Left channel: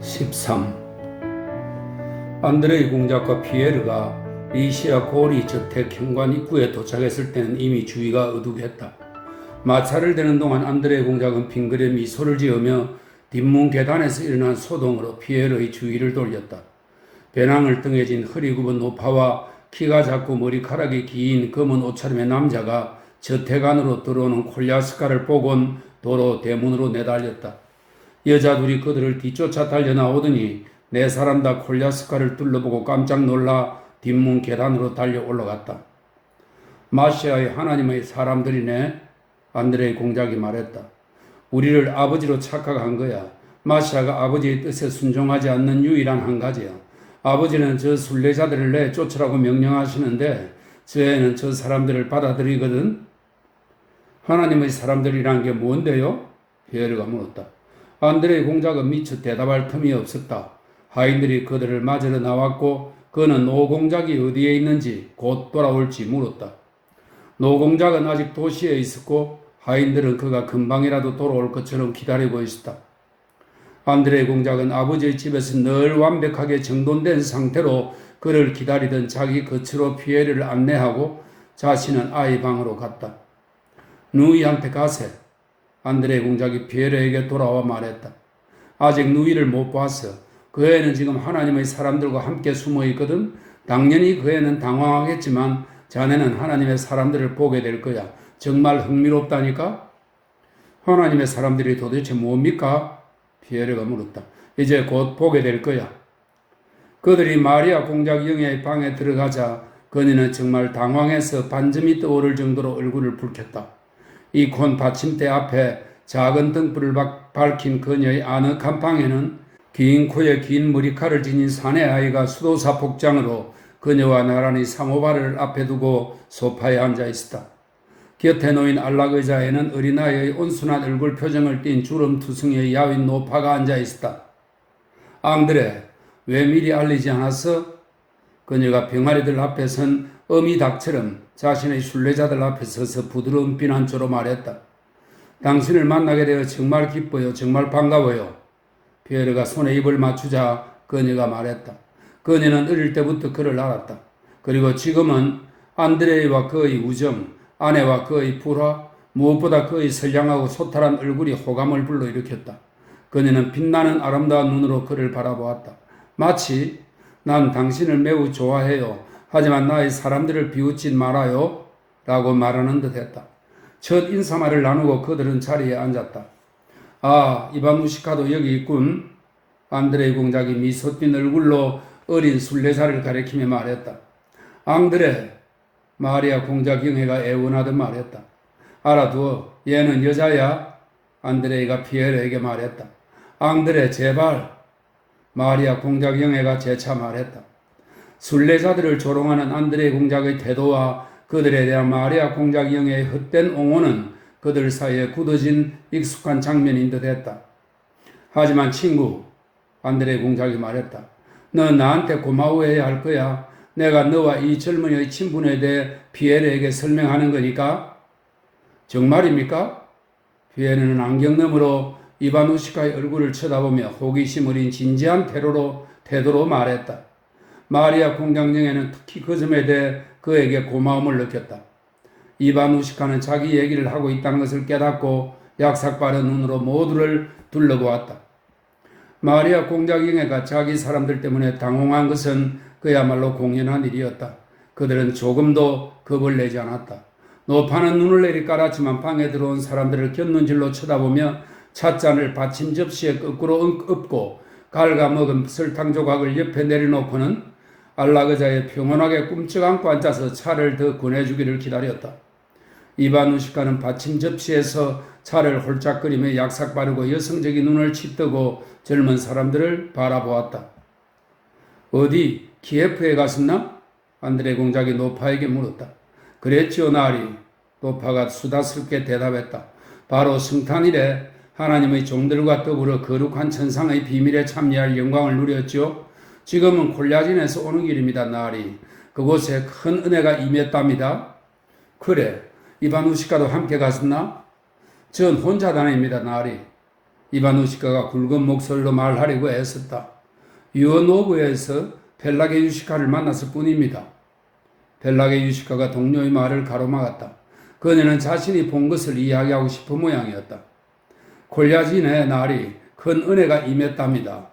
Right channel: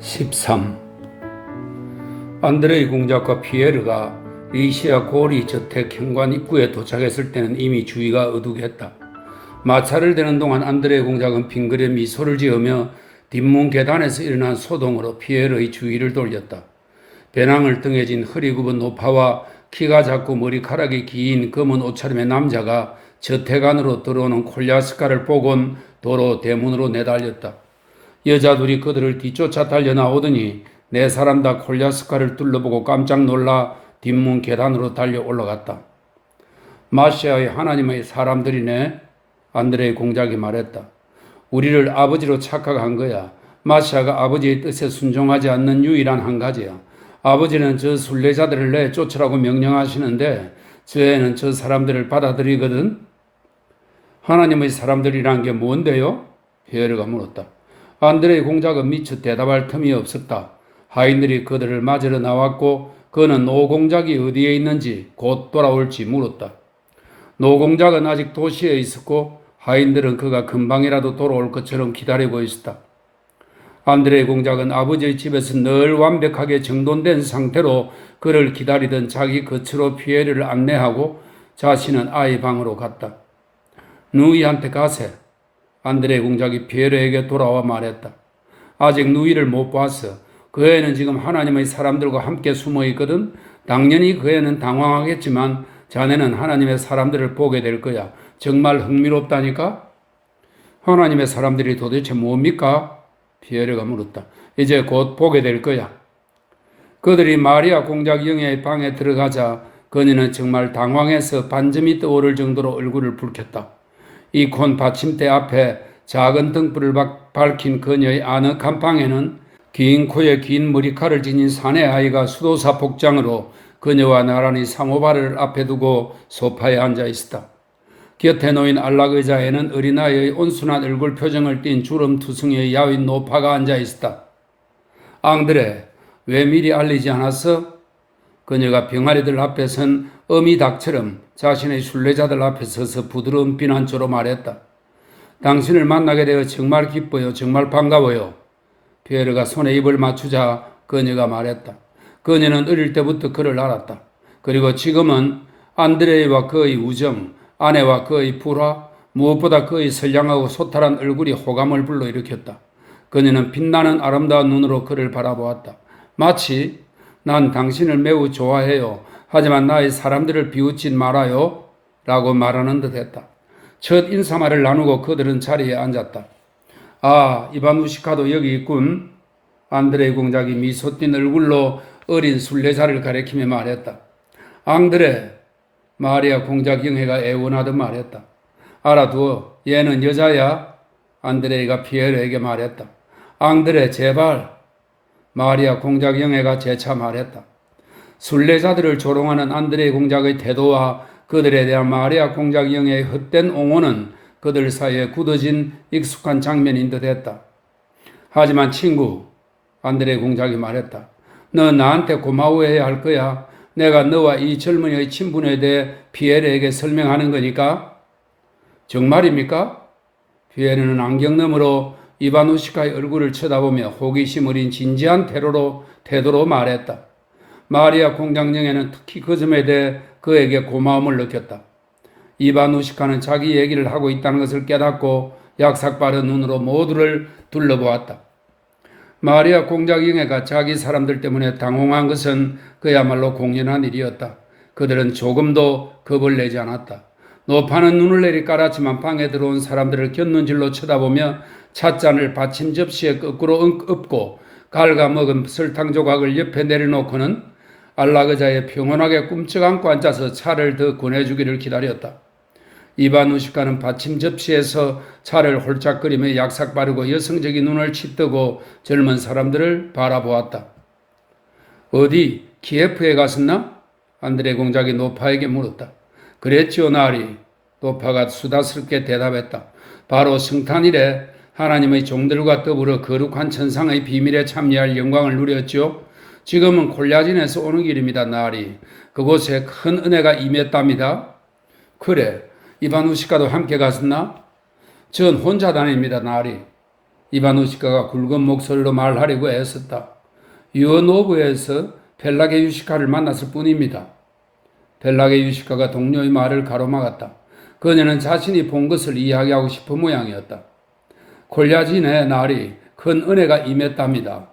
13. 안드레이 공작과 피에르가 리시아 고리 저택 현관 입구에 도착했을 때는 이미 주위가 어둑했다. 마차를 대는 동안 안드레이 공작은 빙그레 미소를 지으며 뒷문 계단에서 일어난 소동으로 피에르의 주위를 돌렸다. 배낭을 등에 진 허리 굽은 노파와 키가 작고 머리카락이 긴 검은 옷차림의 남자가 저택 안으로 들어오는 콜야스카를 보곤 도로 대문으로 내달렸다. 여자 둘이 그들을 뒤쫓아 달려나오더니 네 사람 다 콜야스카를 둘러보고 깜짝 놀라 뒷문 계단으로 달려 올라갔다. 마시아의 하나님의 사람들이네. 안드레이 공작이 말했다. 우리를 아버지로 착각한 거야. 마시아가 아버지의 뜻에 순종하지 않는 유일한 한 가지야. 아버지는 저 순례자들을 내쫓으라고 명령하시는데 저 애는 저 사람들을 받아들이거든. 하나님의 사람들이란 게 뭔데요? 피에르가 물었다. 안드레이 공작은 미처 대답할 틈이 없었다. 하인들이 그들을 맞으러 나왔고 그는 노공작이 어디에 있는지 곧 돌아올지 물었다. 노공작은 아직 도시에 있었고 하인들은 그가 금방이라도 돌아올 것처럼 기다리고 있었다. 안드레이 공작은 아버지의 집에서 늘 완벽하게 정돈된 상태로 그를 기다리던 자기 거처로 피에르를 안내하고 자신은 아이 방으로 갔다. 누이한테 가세. 안드레이 공작이 피에르에게 돌아와 말했다. 아직 누이를 못 봤어. 그 애는 지금 하나님의 사람들과 함께 숨어 있거든. 당연히 그 애는 당황하겠지만 자네는 하나님의 사람들을 보게 될 거야. 정말 흥미롭다니까? 하나님의 사람들이 도대체 뭡니까? 피에르가 물었다. 이제 곧 보게 될 거야. 그들이 마리아 공작 영예의 방에 들어가자 그녀는 정말 당황해서 반점이 떠오를 정도로 얼굴을 붉혔다. 이콘 받침대 앞에 작은 등불을 밝힌 그녀의 아늑한 방에는 긴 코에 긴 머리칼을 지닌 사내 아이가 수도사 복장으로 그녀와 나란히 사모발을 앞에 두고 소파에 앉아 있었다. 곁에 놓인 안락 의자에는 어린아이의 온순한 얼굴 표정을 띤 주름투성이의 야윈 노파가 앉아 있었다. 앙드레, 왜 미리 알리지 않았어? 그녀가 병아리들 앞에 선 어미닭처럼 자신의 순례자들 앞에 서서 부드러운 비난조로 말했다. 당신을 만나게 되어 정말 기뻐요. 정말 반가워요. 피에르가 손에 입을 맞추자 그녀가 말했다. 그녀는 어릴 때부터 그를 알았다. 그리고 지금은 안드레이와 그의 우정, 아내와 그의 불화, 무엇보다 그의 선량하고 소탈한 얼굴이 호감을 불러일으켰다. 그녀는 빛나는 아름다운 눈으로 그를 바라보았다. 마치 난 당신을 매우 좋아해요. 하지만 나의 사람들을 비웃지 말아요. 라고 말하는 듯 했다. 첫 인사말을 나누고 그들은 자리에 앉았다. 아, 이바누시카도 여기 있군. 안드레이 공작이 미소 띤 얼굴로 어린 순례자를 가리키며 말했다. 앙드레, 마리아 공작 영예가 애원하듯 말했다. 알아두어, 얘는 여자야. 안드레이가 피에르에게 말했다. 앙드레, 제발. 마리아 공작 영예가 재차 말했다. 순례자들을 조롱하는 안드레이 공작의 태도와 그들에 대한 마리아 공작 영예의 헛된 옹호는 그들 사이에 굳어진 익숙한 장면인 듯 했다. 하지만 친구, 안드레이 공작이 말했다. 너 나한테 고마워해야 할 거야. 내가 너와 이 젊은이의 친분에 대해 피에르에게 설명하는 거니까. 정말입니까? 피에르는 안경 너머로 이바누시카의 얼굴을 쳐다보며 호기심 어린 진지한 태도로 말했다. 마리아 공작영예는 특히 그 점에 대해 그에게 고마움을 느꼈다. 이바누시카는 자기 얘기를 하고 있다는 것을 깨닫고 약삭빠른 눈으로 모두를 둘러보았다. 마리아 공작영예가 자기 사람들 때문에 당황한 것은 그야말로 공연한 일이었다. 그들은 조금도 겁을 내지 않았다. 노파는 눈을 내리 깔았지만 방에 들어온 사람들을 곁눈질로 쳐다보며 찻잔을 받침 접시에 거꾸로 엎고 갉아먹은 설탕 조각을 옆에 내려놓고는 안락 의자에 평온하게 꿈쩍 안고 앉아서 차를 더 권해주기를 기다렸다. 이바누시카는 받침 접시에서 차를 홀짝거리며 약삭 바르고 여성적인 눈을 치뜨고 젊은 사람들을 바라보았다. 어디 키예프에 갔었나? 안드레이 공작이 노파에게 물었다. 그랬지요 나리. 노파가 수다스럽게 대답했다. 바로 성탄일에 하나님의 종들과 더불어 거룩한 천상의 비밀에 참여할 영광을 누렸죠. 지금은 콜야진에서 오는 길입니다 나리. 그곳에 큰 은혜가 임했답니다. 그래. 이바누시카도 함께 갔었나? 전 혼자 다닙니다 나리. 이바누시카가 굵은 목소리로 말하려고 애썼다. 유언오브에서 펠라게 유시카를 만났을 뿐입니다. 펠라게 유시카가 동료의 말을 가로막았다. 그녀는 자신이 본 것을 이야기하고 싶은 모양이었다. 콜야진의 날이 큰 은혜가 임했답니다.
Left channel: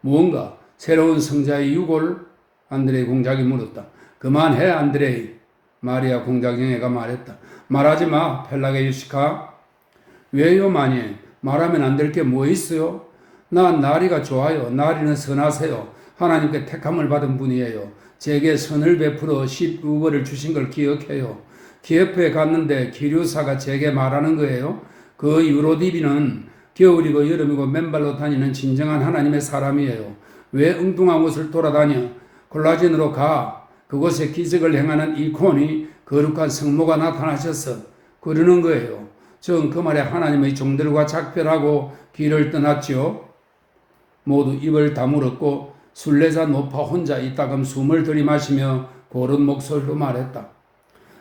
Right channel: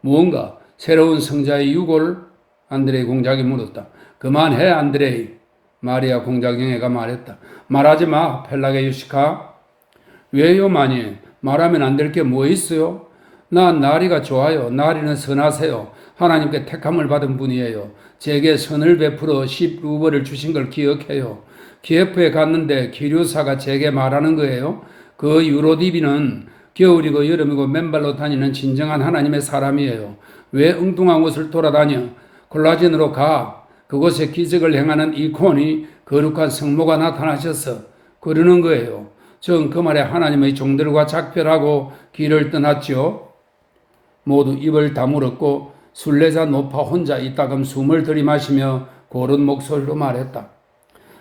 무언가 새로운 성자의 유골? 안드레이 공작이 물었다. 그만해 안드레이. 마리아 공작영애가 말했다. 말하지 마 펠라게 유시카. 왜요 마님? 말하면 안 될 게 뭐 있어요? 난 나리가 좋아요. 나리는 선하세요. 하나님께 택함을 받은 분이에요. 제게 선을 베풀어 10루벌을 주신 걸 기억해요. 키예프에 갔는데 기류사가 제게 말하는 거예요. 그 유로디비는 겨울이고 여름이고 맨발로 다니는 진정한 하나님의 사람이에요. 왜 엉뚱한 곳을 돌아다녀? 콜라진으로 가. 그곳에 기적을 행하는 이콘이 거룩한 성모가 나타나셔서 그러는 거예요. 전 그 말에 하나님의 종들과 작별하고 길을 떠났지요. 모두 입을 다물었고 순례자 노파 혼자 이따금 숨을 들이마시며 고른 목소리로 말했다.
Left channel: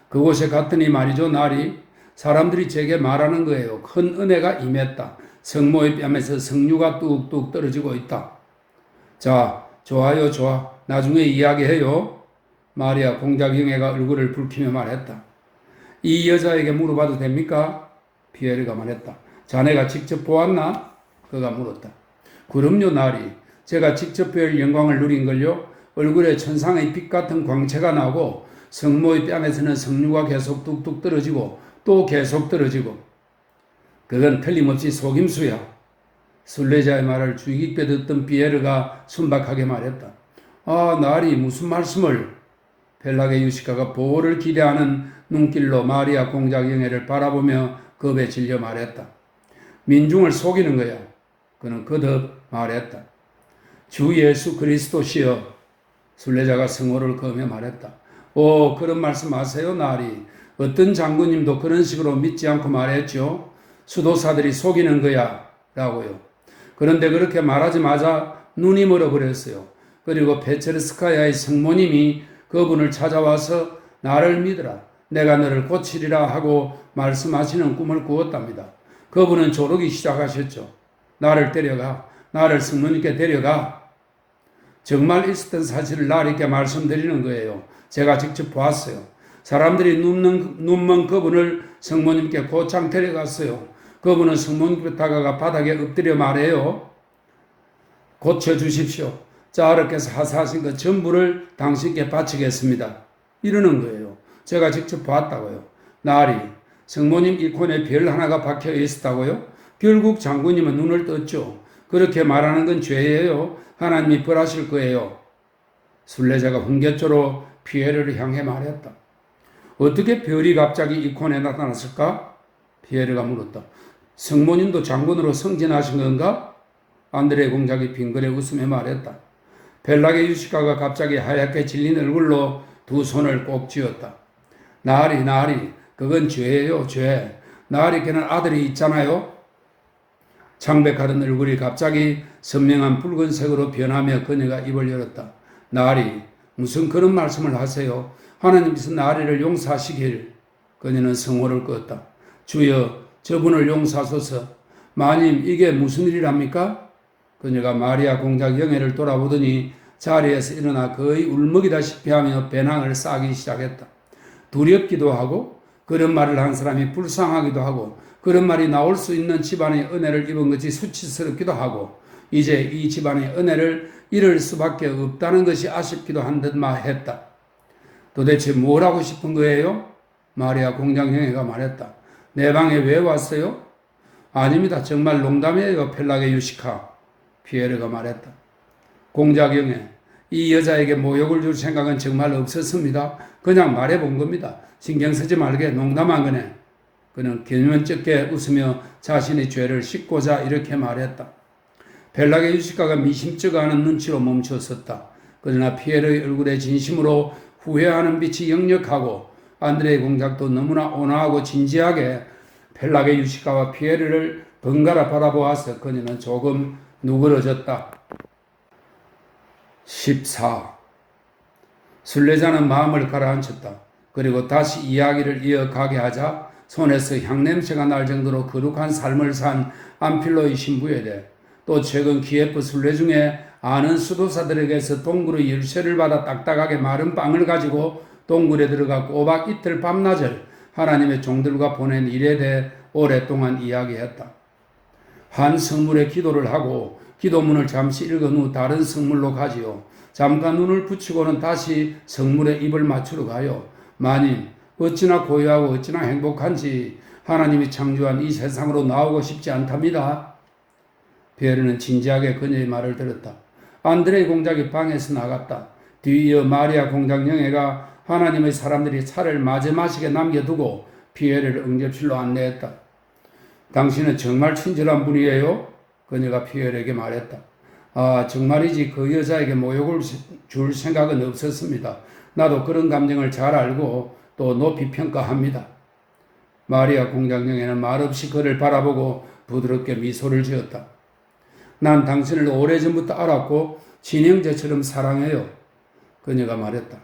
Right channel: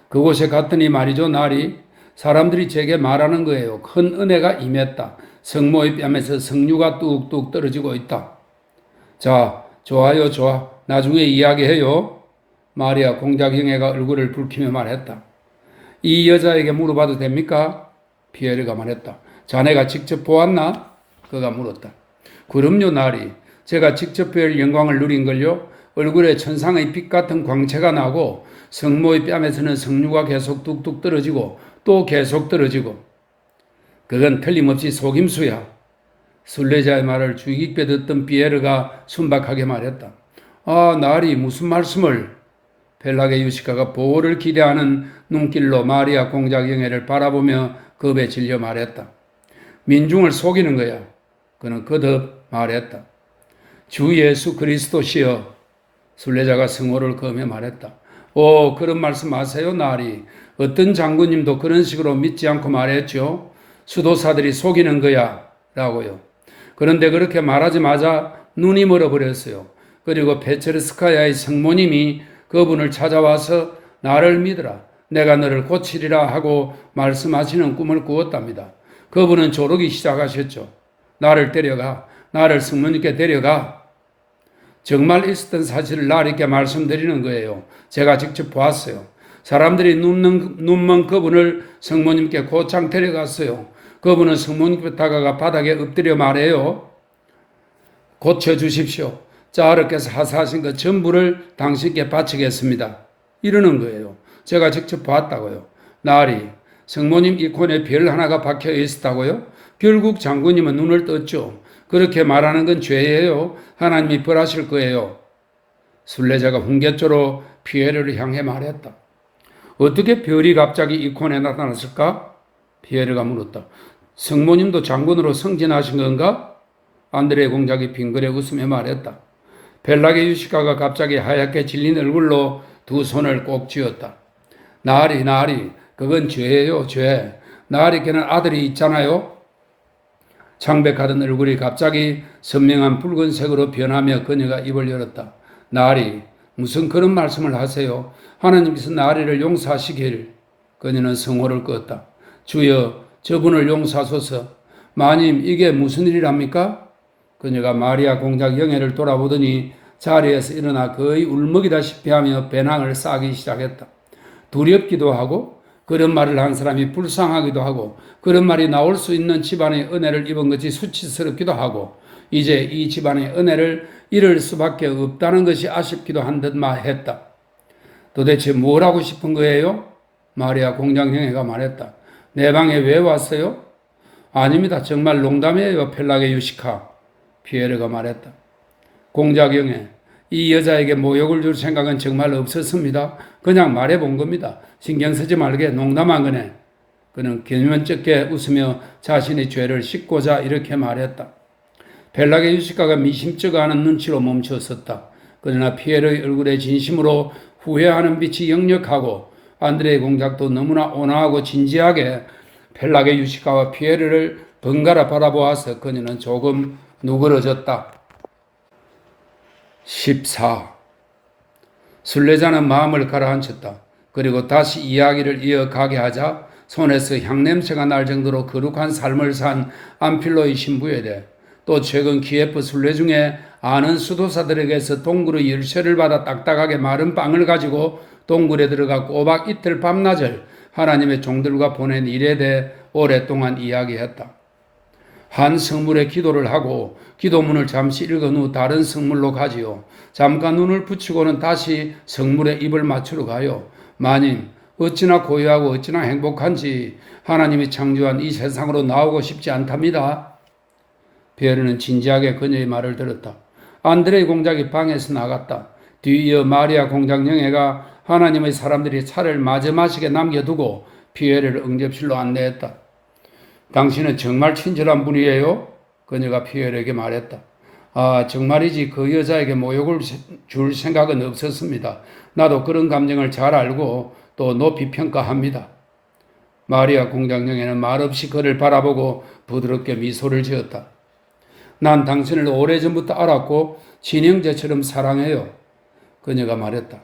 그곳에 갔더니 말이죠. 날이 사람들이 제게 말하는 거예요. 큰 은혜가 임했다. 성모의 뺨에서 성류가 뚝뚝 떨어지고 있다. 자, 좋아요, 좋아. 나중에 이야기해요. 마리아 공작영애가 얼굴을 붉히며 말했다. 이 여자에게 물어봐도 됩니까? 피에르가 말했다. 자네가 직접 보았나? 그가 물었다. 그럼요, 나리. 제가 직접 뵐 영광을 누린걸요. 얼굴에 천상의 빛 같은 광채가 나고 성모의 뺨에서는 성류가 계속 뚝뚝 떨어지고 또 계속 떨어지고. 그건 틀림없이 속임수야. 순례자의 말을 주의 깊게 듣던 피에르가 순박하게 말했다. 아, 나리 무슨 말씀을? 펠라게 유시카가 보호를 기대하는 눈길로 마리아 공작영애를 바라보며 겁에 질려 말했다. 민중을 속이는 거야. 그는 거듭 말했다. 주 예수 그리스도시여. 순례자가 성호를 그으며 말했다. 오, 그런 말씀 마세요, 나리. 어떤 장군님도 그런 식으로 믿지 않고 말했죠. 수도사들이 속이는 거야. 라고요. 그런데 그렇게 말하자마자 눈이 멀어버렸어요. 그리고 페체르스카야의 성모님이 그분을 찾아와서 나를 믿으라. 내가 너를 고치리라 하고 말씀하시는 꿈을 꾸었답니다. 그분은 조르기 시작하셨죠. 나를 데려가. 나를 성모님께 데려가. 정말 있었던 사실을 나리께 말씀드리는 거예요. 제가 직접 보았어요. 사람들이 눈먼 그분을 성모님께 고창 데려갔어요. 그분은 성모님께 다가가 바닥에 엎드려 말해요. 고쳐주십시오. 자르께서 하사하신 것 전부를 당신께 바치겠습니다. 이러는 거예요. 제가 직접 봤다고요. 나리, 성모님 이콘에 별 하나가 박혀 있었다고요? 결국 장군님은 눈을 떴죠. 그렇게 말하는 건 죄예요. 하나님이 벌하실 거예요. 순례자가 훈계조로 피에르를 향해 말했다. 어떻게 별이 갑자기 이콘에 나타났을까? 피에르가 물었다. 성모님도 장군으로 승진하신 건가? 안드레 공작이 빙그레 웃으며 말했다. 펠라게 유시카가 갑자기 하얗게 질린 얼굴로 두 손을 꼭 쥐었다. 나리, 그건 죄예요, 죄. 나리께는 아들이 있잖아요. 창백하던 얼굴이 갑자기 선명한 붉은색으로 변하며 그녀가 입을 열었다. 나리, 무슨 그런 말씀을 하세요? 하나님께서 나리를 용서하시길. 그녀는 성호를 껐다. 주여, 저분을 용서하소서. 마님, 이게 무슨 일이랍니까? 그녀가 마리아 공작 영애를 돌아보더니 자리에서 일어나 거의 울먹이다시피 하며 배낭을 싸기 시작했다. 두렵기도 하고 그런 말을 한 사람이 불쌍하기도 하고 그런 말이 나올 수 있는 집안의 은혜를 입은 것이 수치스럽기도 하고 이제 이 집안의 은혜를 잃을 수밖에 없다는 것이 아쉽기도 한 듯만 했다. 도대체 뭘 하고 싶은 거예요? 마리아 공작 영애가 말했다. 내 방에 왜 왔어요? 아닙니다. 정말 농담이에요. 펠라게 유시카. 피에르가 말했다. 공작 영애, 이 여자에게 모욕을 줄 생각은 정말 없었습니다. 그냥 말해본 겁니다. 신경 쓰지 말게 농담한 거네. 그는 개면쩍게 웃으며 자신의 죄를 씻고자 이렇게 말했다. 펠라게 유시카가 미심쩍어하는 눈치로 멈추었었다. 그러나 피에르의 얼굴에 진심으로 후회하는 빛이 역력하고 안드레의 공작도 너무나 온화하고 진지하게 펠라게 유시카와 피에르를 번갈아 바라보아서 그녀는 조금 누그러졌다. 14. 순례자는 마음을 가라앉혔다. 그리고 다시 이야기를 이어가게 하자 손에서 향냄새가 날 정도로 거룩한 삶을 산 안필로의 신부에 대해 또 최근 기예프 순례 중에 아는 수도사들에게서 동굴의 열쇠를 받아 딱딱하게 마른 빵을 가지고 동굴에 들어가 꼬박 이틀 밤낮을 하나님의 종들과 보낸 일에 대해 오랫동안 이야기했다. 한 성물에 기도를 하고 기도문을 잠시 읽은 후 다른 성물로 가지요. 잠깐 눈을 붙이고는 다시 성물에 입을 맞추러 가요. 마님, 어찌나 고요하고 어찌나 행복한지 하나님이 창조한 이 세상으로 나오고 싶지 않답니다. 피에르는 진지하게 그녀의 말을 들었다. 안드레이 공작이 방에서 나갔다. 뒤이어 마리아 공작 영애가 하나님의 사람들이 차를 마지막에 남겨두고 피에르를 응접실로 안내했다. 당신은 정말 친절한 분이에요? 그녀가 피에르에게 말했다. 아, 정말이지 그 여자에게 모욕을 줄 생각은 없었습니다. 나도 그런 감정을 잘 알고 또 높이 평가합니다. 마리아 공작령에는 말없이 그를 바라보고 부드럽게 미소를 지었다. 난 당신을 오래전부터 알았고 친형제처럼 사랑해요. 그녀가 말했다.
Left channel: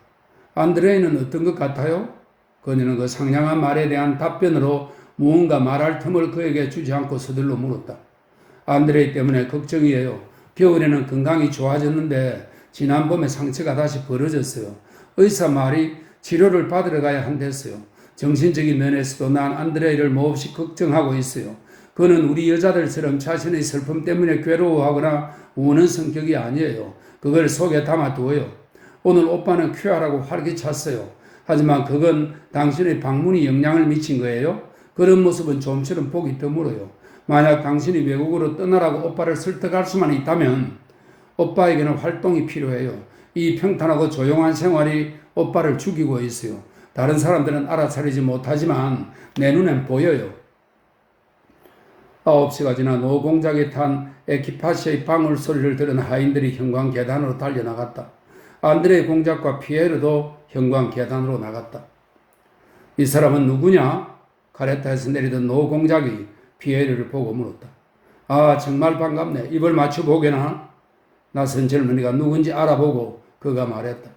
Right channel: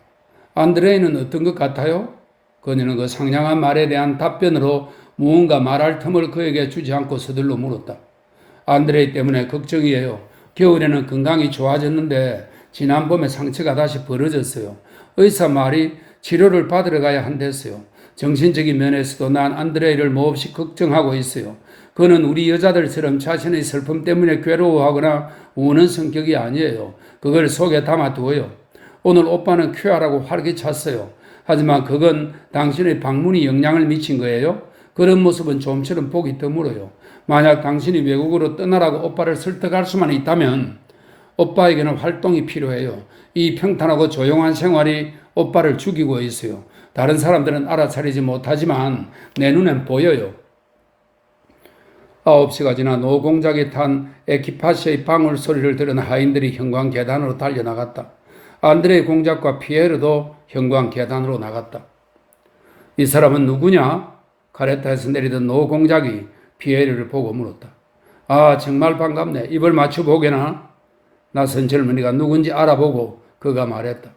안드레이는 어떤 것 같아요? 그녀는 그 상냥한 말에 대한 답변으로 무언가 말할 틈을 그에게 주지 않고 서둘러 물었다. 안드레이 때문에 걱정이에요. 겨울에는 건강이 좋아졌는데 지난 봄에 상처가 다시 벌어졌어요. 의사 말이 치료를 받으러 가야 한댔어요. 정신적인 면에서도 난 안드레이를 몹시 걱정하고 있어요. 그는 우리 여자들처럼 자신의 슬픔 때문에 괴로워하거나 우는 성격이 아니에요. 그걸 속에 담아두어요. 오늘 오빠는 쾌활하고 활기찼어요. 하지만 그건 당신의 방문이 영향을 미친 거예요. 그런 모습은 좀처럼 보기 드물어요. 만약 당신이 외국으로 떠나라고 오빠를 설득할 수만 있다면 오빠에게는 활동이 필요해요. 이 평탄하고 조용한 생활이 오빠를 죽이고 있어요. 다른 사람들은 알아차리지 못하지만 내 눈엔 보여요. 9시가 지나 노공작이 탄 에키파시의 방울 소리를 들은 하인들이 현관 계단으로 달려나갔다. 안드레이 공작과 피에르도 현관 계단으로 나갔다. 이 사람은 누구냐? 카레타에서 내리던 노공작이 피에르를 보고 물었다. 아, 정말 반갑네. 입을 맞춰보게나? 낯선 젊은이가 누군지 알아보고 그가 말했다.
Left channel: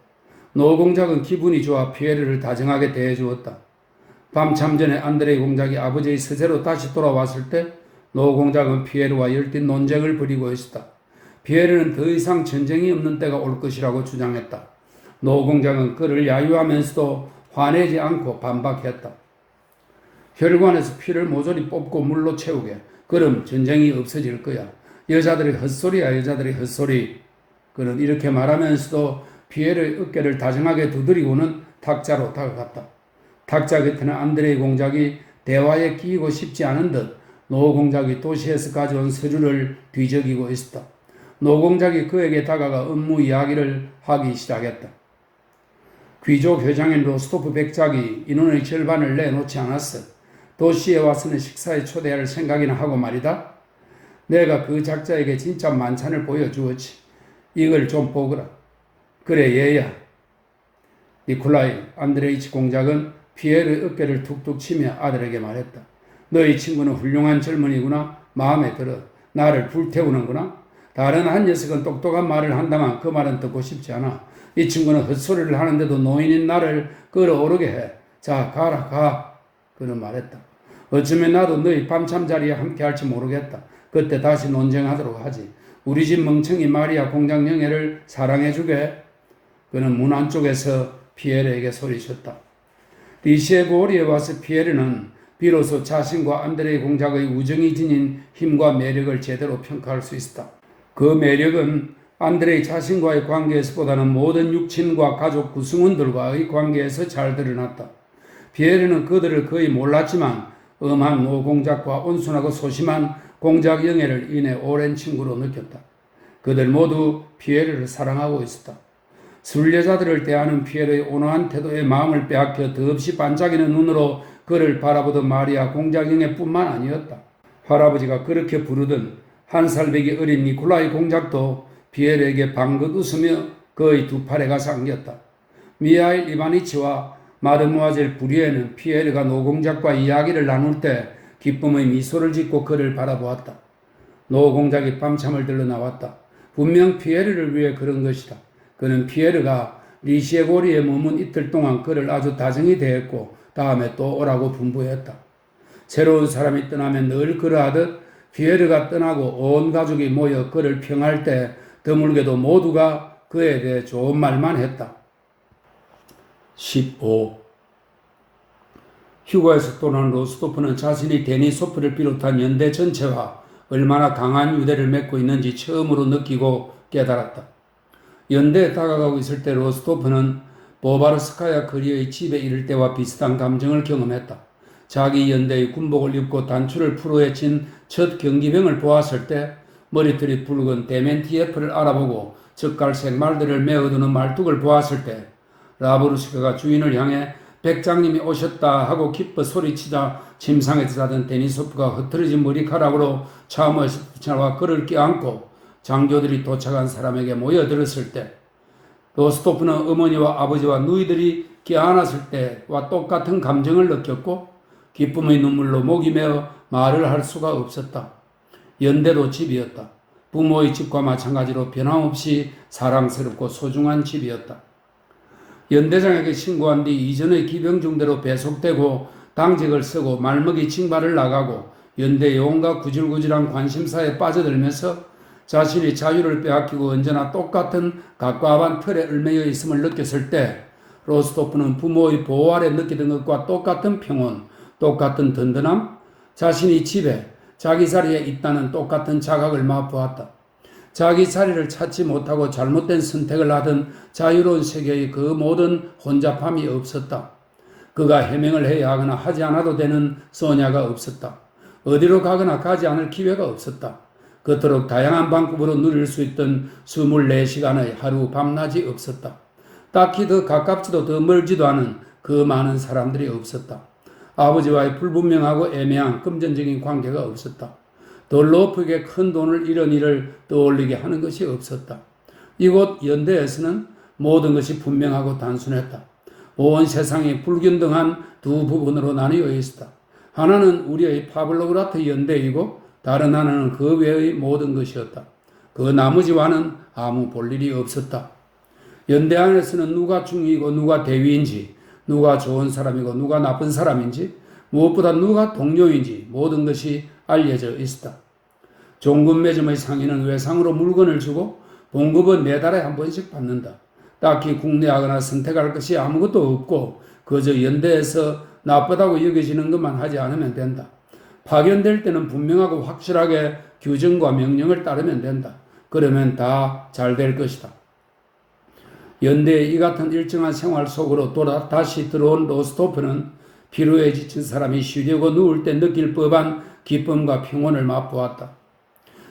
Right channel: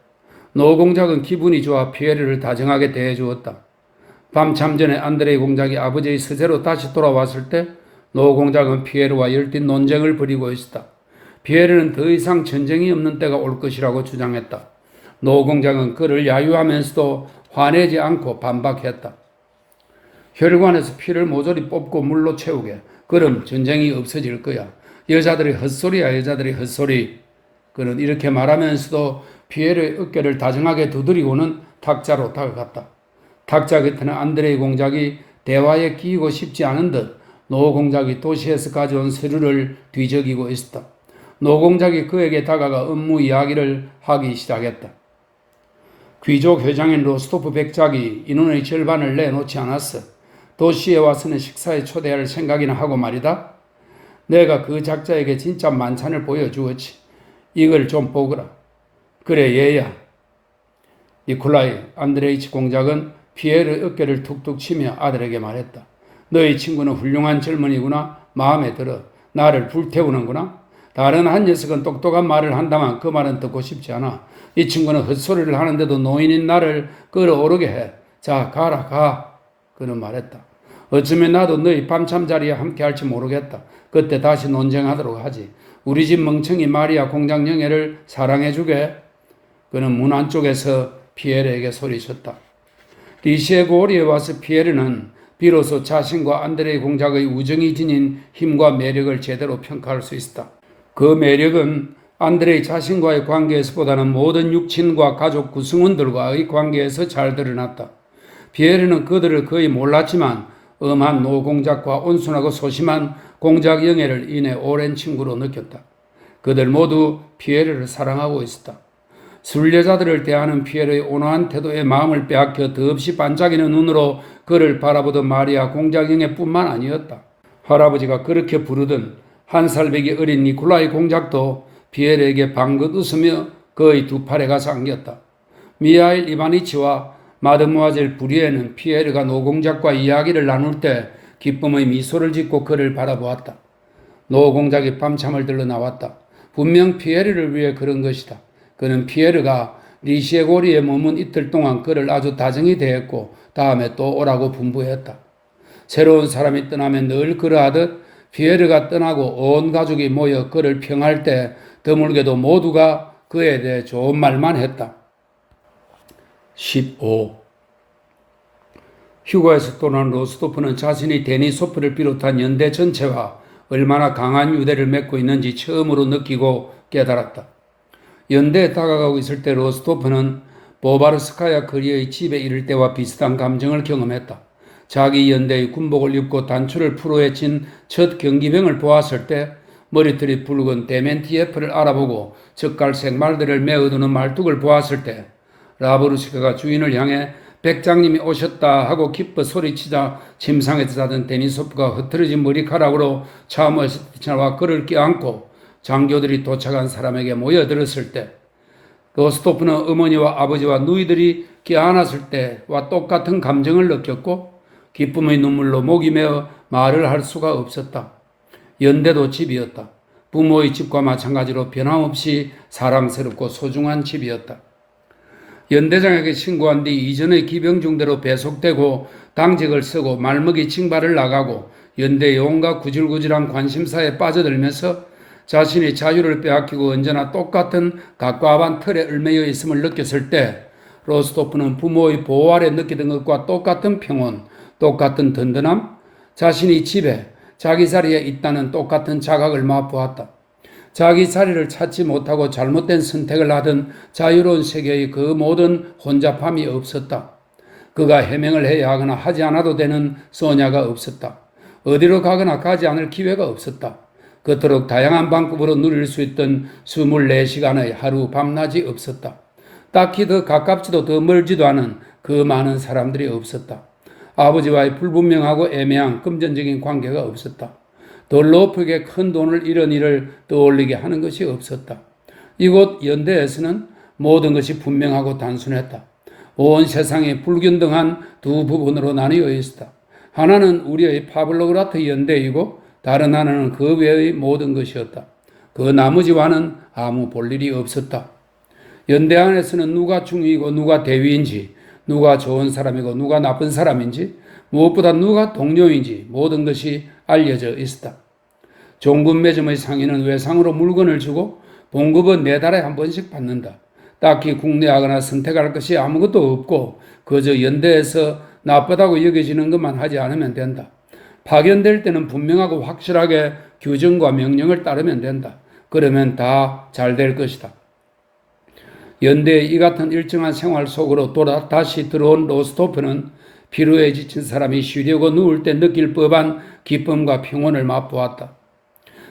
노공작은 기분이 좋아 피에르를 다정하게 대해주었다. 밤참 전에 안드레이 공작이 아버지의 서재로 다시 돌아왔을 때 노공작은 피에르와 열띤 논쟁을 벌이고 있었다. 피에르는 더 이상 전쟁이 없는 때가 올 것이라고 주장했다. 노공작은 그를 야유하면서도 화내지 않고 반박했다. 혈관에서 피를 모조리 뽑고 물로 채우게. 그럼 전쟁이 없어질 거야. 여자들의 헛소리야, 여자들의 헛소리. 그는 이렇게 말하면서도 피에르의 어깨를 다정하게 두드리고는 탁자로 다가갔다. 탁자 곁에는 안드레이 공작이 대화에 끼이고 싶지 않은 듯 노공작이 도시에서 가져온 서류를 뒤적이고 있었다. 노공작이 그에게 다가가 업무 이야기를 하기 시작했다. 귀족 회장인 로스토프 백작이 인원의 절반을 내놓지 않았어. 도시에 와서는 식사에 초대할 생각이나 하고 말이다. 내가 그 작자에게 진짜 만찬을 보여주었지. 이걸 좀 보거라. 그래 얘야. 니콜라이 안드레이치 공작은 피에르 어깨를 툭툭 치며 아들에게 말했다. 너희 친구는 훌륭한 젊은이구나. 마음에 들어. 나를 불태우는구나. 다른 한 녀석은 똑똑한 말을 한다만 그 말은 듣고 싶지 않아. 이 친구는 헛소리를 하는데도 노인인 나를 끌어오르게 해. 자, 가라, 가. 그는 말했다. 어쩌면 나도 너희 밤참 자리에 함께 할지 모르겠다. 그때 다시 논쟁하도록 하지. 우리 집 멍청이 마리아 공장 영애를 사랑해주게. 그는 문 안쪽에서 피에르에게 소리쳤다. 리시에 고리에 와서 피에르는 비로소 자신과 안드레이 공작의 우정이 지닌 힘과 매력을 제대로 평가할 수 있었다. 그 매력은 안드레이 자신과의 관계에서보다는 모든 육친과 가족 구성원들과의 관계에서 잘 드러났다. 피에르는 그들을 거의 몰랐지만 엄한 노공작과 온순하고 소심한 공작 영애를 인해 오랜 친구로 느꼈다. 그들 모두 피에르를 사랑하고 있었다. 순례자들을 대하는 피에르의 온화한 태도에 마음을 빼앗겨 더없이 반짝이는 눈으로 그를 바라보던 마리아 공작 영애뿐만 아니었다. 할아버지가 그렇게 부르던 한 살배기 어린 니콜라이 공작도 피에르에게 방긋 웃으며 그의 두 팔에 가서 안겼다. 미하일 이바니치와 마드모아젤 부리에는 피에르가 노공작과 이야기를 나눌 때 기쁨의 미소를 짓고 그를 바라보았다. 노공작이 밤참을 들러 나왔다. 분명 피에르를 위해 그런 것이다. 그는 피에르가 리시에고리에 머문 이틀 동안 그를 아주 다정히 대했고 다음에 또 오라고 분부했다. 새로운 사람이 떠나면 늘 그러하듯 피에르가 떠나고 온 가족이 모여 그를 평할 때 드물게도 모두가 그에 대해 좋은 말만 했다. 15. 휴가에서 떠난 로스토프는 자신이 데니소프를 비롯한 연대 전체와 얼마나 강한 유대를 맺고 있는지 처음으로 느끼고 깨달았다. 연대에 다가가고 있을 때 로스토프는 보바르스카야 거리의 집에 이를 때와 비슷한 감정을 경험했다. 자기 연대의 군복을 입고 단추를 풀어헤친 첫 경기병을 보았을 때 머리털이 붉은 데멘티예프를 알아보고 젓갈색 말들을 메어두는 말뚝을 보았을 때 라브루스카가 주인을 향해 백장님이 오셨다 하고 기뻐 소리치자 침상에서 자던 데니소프가 흐트러진 머리카락으로 참으에서 뛰쳐나와 그를 껴안고 장교들이 도착한 사람에게 모여들었을 때 로스토프는 어머니와 아버지와 누이들이 껴안았을 때와 똑같은 감정을 느꼈고 기쁨의 눈물로 목이 메어 말을 할 수가 없었다. 연대도 집이었다. 부모의 집과 마찬가지로 변함없이 사랑스럽고 소중한 집이었다. 연대장에게 신고한 뒤 이전의 기병중대로 배속되고 당직을 쓰고 말먹이 징발을 나가고 연대의 온갖 구질구질한 관심사에 빠져들면서 자신이 자유를 빼앗기고 언제나 똑같은 갑갑한 틀에 얽매여 있음을 느꼈을 때 로스토프는 부모의 보호 아래 느끼던 것과 똑같은 평온, 똑같은 든든함, 자신이 집에 자기 자리에 있다는 똑같은 자각을 맛보았다. 자기 자리를 찾지 못하고 잘못된 선택을 하던 자유로운 세계의 그 모든 혼잡함이 없었다. 그가 해명을 해야 하거나 하지 않아도 되는 소냐가 없었다. 어디로 가거나 가지 않을 기회가 없었다. 그토록 다양한 방법으로 누릴 수 있던 24시간의 하루 밤낮이 없었다. 딱히 더 가깝지도 더 멀지도 않은 그 많은 사람들이 없었다. 아버지와의 불분명하고 애매한 금전적인 관계가 없었다. 더 높게 큰 돈을 잃은 일을 떠올리게 하는 것이 없었다. 이곳 연대에서는 모든 것이 분명하고 단순했다. 온 세상이 불균등한 두 부분으로 나뉘어 있었다. 하나는 우리의 파블로그라트 연대이고 다른 하나는 그 외의 모든 것이었다. 그 나머지와는 아무 볼일이 없었다. 연대 안에서는 누가 중위이고 누가 대위인지, 누가 좋은 사람이고 누가 나쁜 사람인지, 무엇보다 누가 동료인지 모든 것이 알려져 있었다. 종군 매점의 상인은 외상으로 물건을 주고 봉급은 4달에 한 번씩 받는다. 딱히 국내하거나 선택할 것이 아무것도 없고 그저 연대에서 나쁘다고 여겨지는 것만 하지 않으면 된다. 파견될 때는 분명하고 확실하게 규정과 명령을 따르면 된다. 그러면 다 잘 될 것이다. 연대의 이 같은 일정한 생활 속으로 다시 들어온 로스토프는 피로에 지친 사람이 쉬려고 누울 때 느낄 법한 기쁨과 평온을 맛보았다.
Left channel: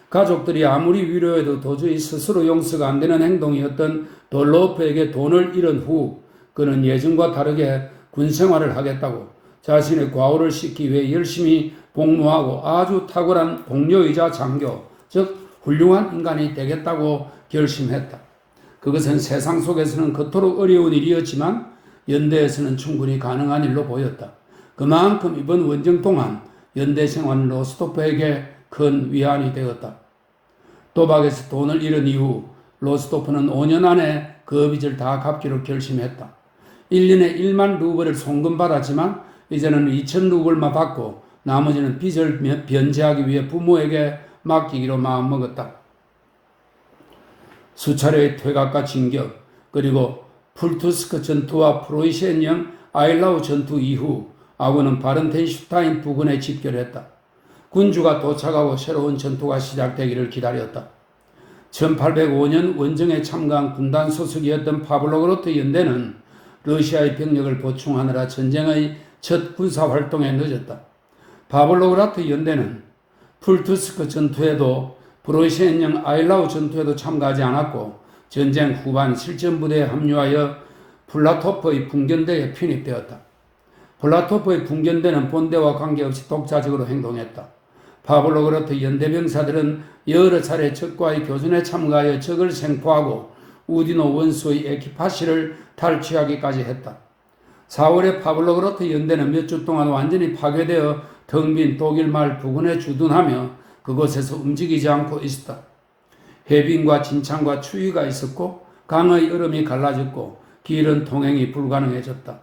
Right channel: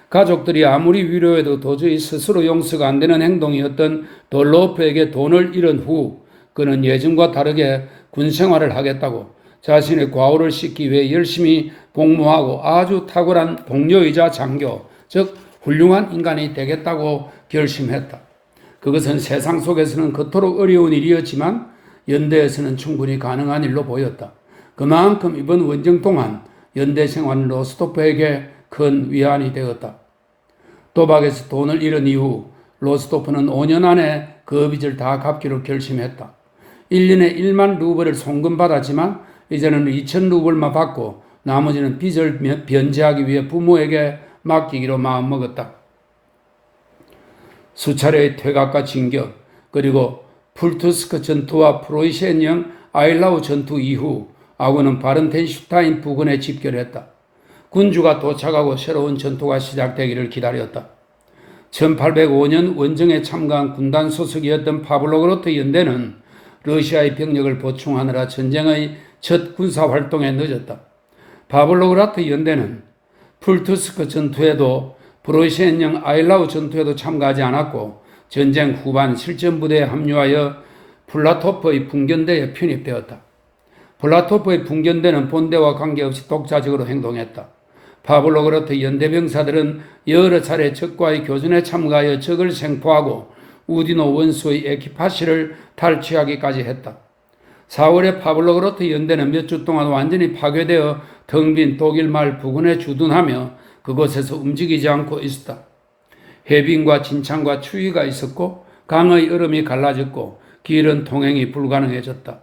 가족들이 아무리 위로해도 도저히 스스로 용서가 안 되는 행동이었던 돌로프에게 돈을 잃은 후 그는 예전과 다르게 군생활을 하겠다고 자신의 과오를 씻기 위해 열심히 복무하고 아주 탁월한 동료이자 장교, 즉 훌륭한 인간이 되겠다고 결심했다. 그것은 세상 속에서는 그토록 어려운 일이었지만 연대에서는 충분히 가능한 일로 보였다. 그만큼 이번 원정 동안 연대 생활은 로스토프에게 큰 위안이 되었다. 도박에서 돈을 잃은 이후 로스토프는 5년 안에 그 빚을 다 갚기로 결심했다. 1년에 1만 루블을 송금받았지만 이제는 2천 루블만 받고 나머지는 빚을 변제하기 위해 부모에게 맡기기로 마음먹었다. 수차례의 퇴각과 진격, 그리고 풀투스크 전투와 프로이센형 아일라우 전투 이후 아군은 바른텐슈타인 부근에 집결했다. 군주가 도착하고 새로운 전투가 시작되기를 기다렸다. 1805년 원정에 참가한 군단 소속이었던 파블로그로트 연대는 러시아의 병력을 보충하느라 전쟁의 첫 군사활동에 늦었다. 파블로그라트 연대는 풀투스크 전투에도 프로이센형 아일라우 전투에도 참가하지 않았고 전쟁 후반 실전부대에 합류하여 플라토프의 분견대에 편입되었다. 플라토프의 분견대는 본대와 관계없이 독자적으로 행동했다. 파블로그라트 연대병사들은 여러 차례 적과의 교전에 참가하여 적을 생포하고 우디노 원수의 에키파시를 탈취하기까지 했다. 4월에 파블로그라트 연대는 몇 주 동안 완전히 파괴되어 텅 빈 독일 말 부근에 주둔하며 그곳에서 움직이지 않고 있었다. 해빙과 진창과 추위가 있었고 강의 얼음이 갈라졌고 길은 통행이 불가능해졌다.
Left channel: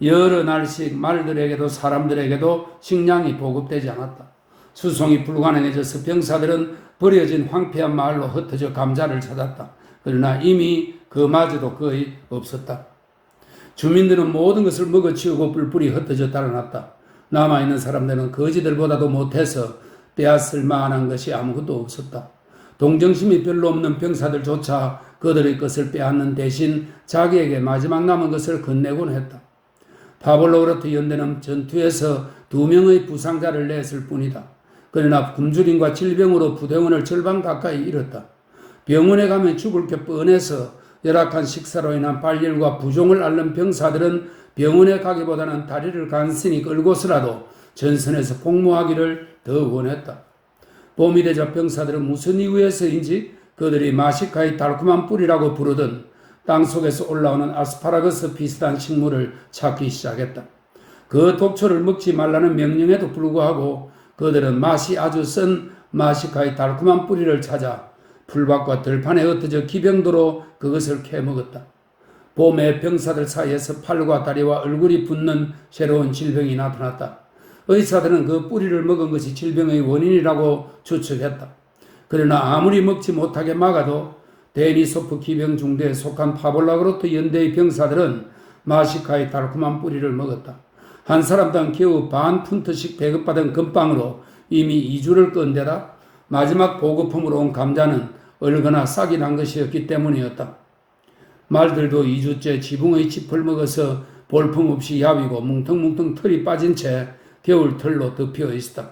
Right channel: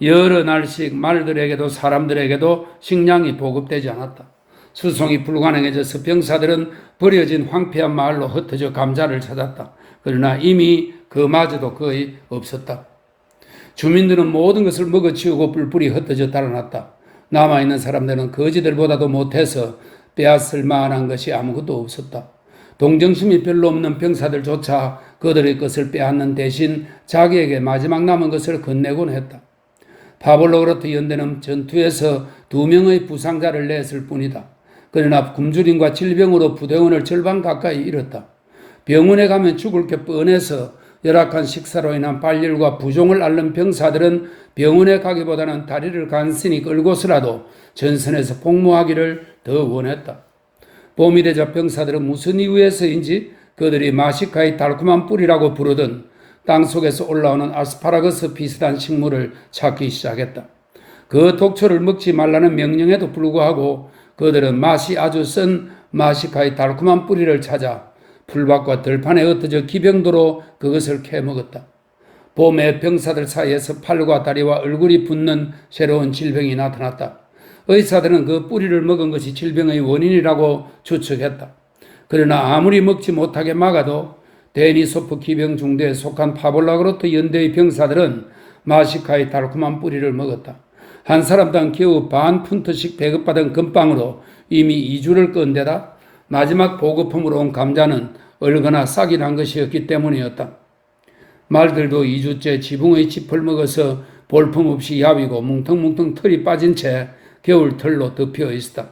여러 날씩 말들에게도 사람들에게도 식량이 보급되지 않았다. 수송이 불가능해져서 병사들은 버려진 황폐한 마을로 흩어져 감자를 찾았다. 그러나 이미 그마저도 거의 없었다. 주민들은 모든 것을 먹어치우고 뿔뿔이 흩어져 달아났다. 남아있는 사람들은 거지들보다도 못해서 빼앗을 만한 것이 아무것도 없었다. 동정심이 별로 없는 병사들조차 그들의 것을 빼앗는 대신 자기에게 마지막 남은 것을 건네곤 했다. 파볼로그로트 연대는 전투에서 2명의 부상자를 냈을 뿐이다. 그러나 굶주림과 질병으로 부대원을 절반 가까이 잃었다. 병원에 가면 죽을 게 뻔해서 열악한 식사로 인한 발열과 부종을 앓는 병사들은 병원에 가기보다는 다리를 간신히 끌고서라도 전선에서 복무하기를 더 원했다. 봄이 되자 병사들은 무슨 이유에서인지 그들이 마시카의 달콤한 뿌리라고 부르던 땅속에서 올라오는 아스파라거스 비슷한 식물을 찾기 시작했다. 그 독초를 먹지 말라는 명령에도 불구하고 그들은 맛이 아주 쓴 마시카의 달콤한 뿌리를 찾아 풀밭과 들판에 흩어져 기병도로 그것을 캐먹었다. 봄에 병사들 사이에서 팔과 다리와 얼굴이 붓는 새로운 질병이 나타났다. 의사들은 그 뿌리를 먹은 것이 질병의 원인이라고 추측했다. 그러나 아무리 먹지 못하게 막아도 데니소프 기병 중대에 속한 파볼라그로트 연대의 병사들은 마시카의 달콤한 뿌리를 먹었다. 한 사람당 겨우 반 푼트씩 배급받은 금빵으로 이미 2주를 끈 데다 마지막 보급품으로 온 감자는 얼거나 싹이 난 것이었기 때문이었다. 말들도 2주째 지붕의 짚을 먹어서 볼품없이 야위고 뭉텅뭉텅 털이 빠진 채 겨울털로 덮여 있었다.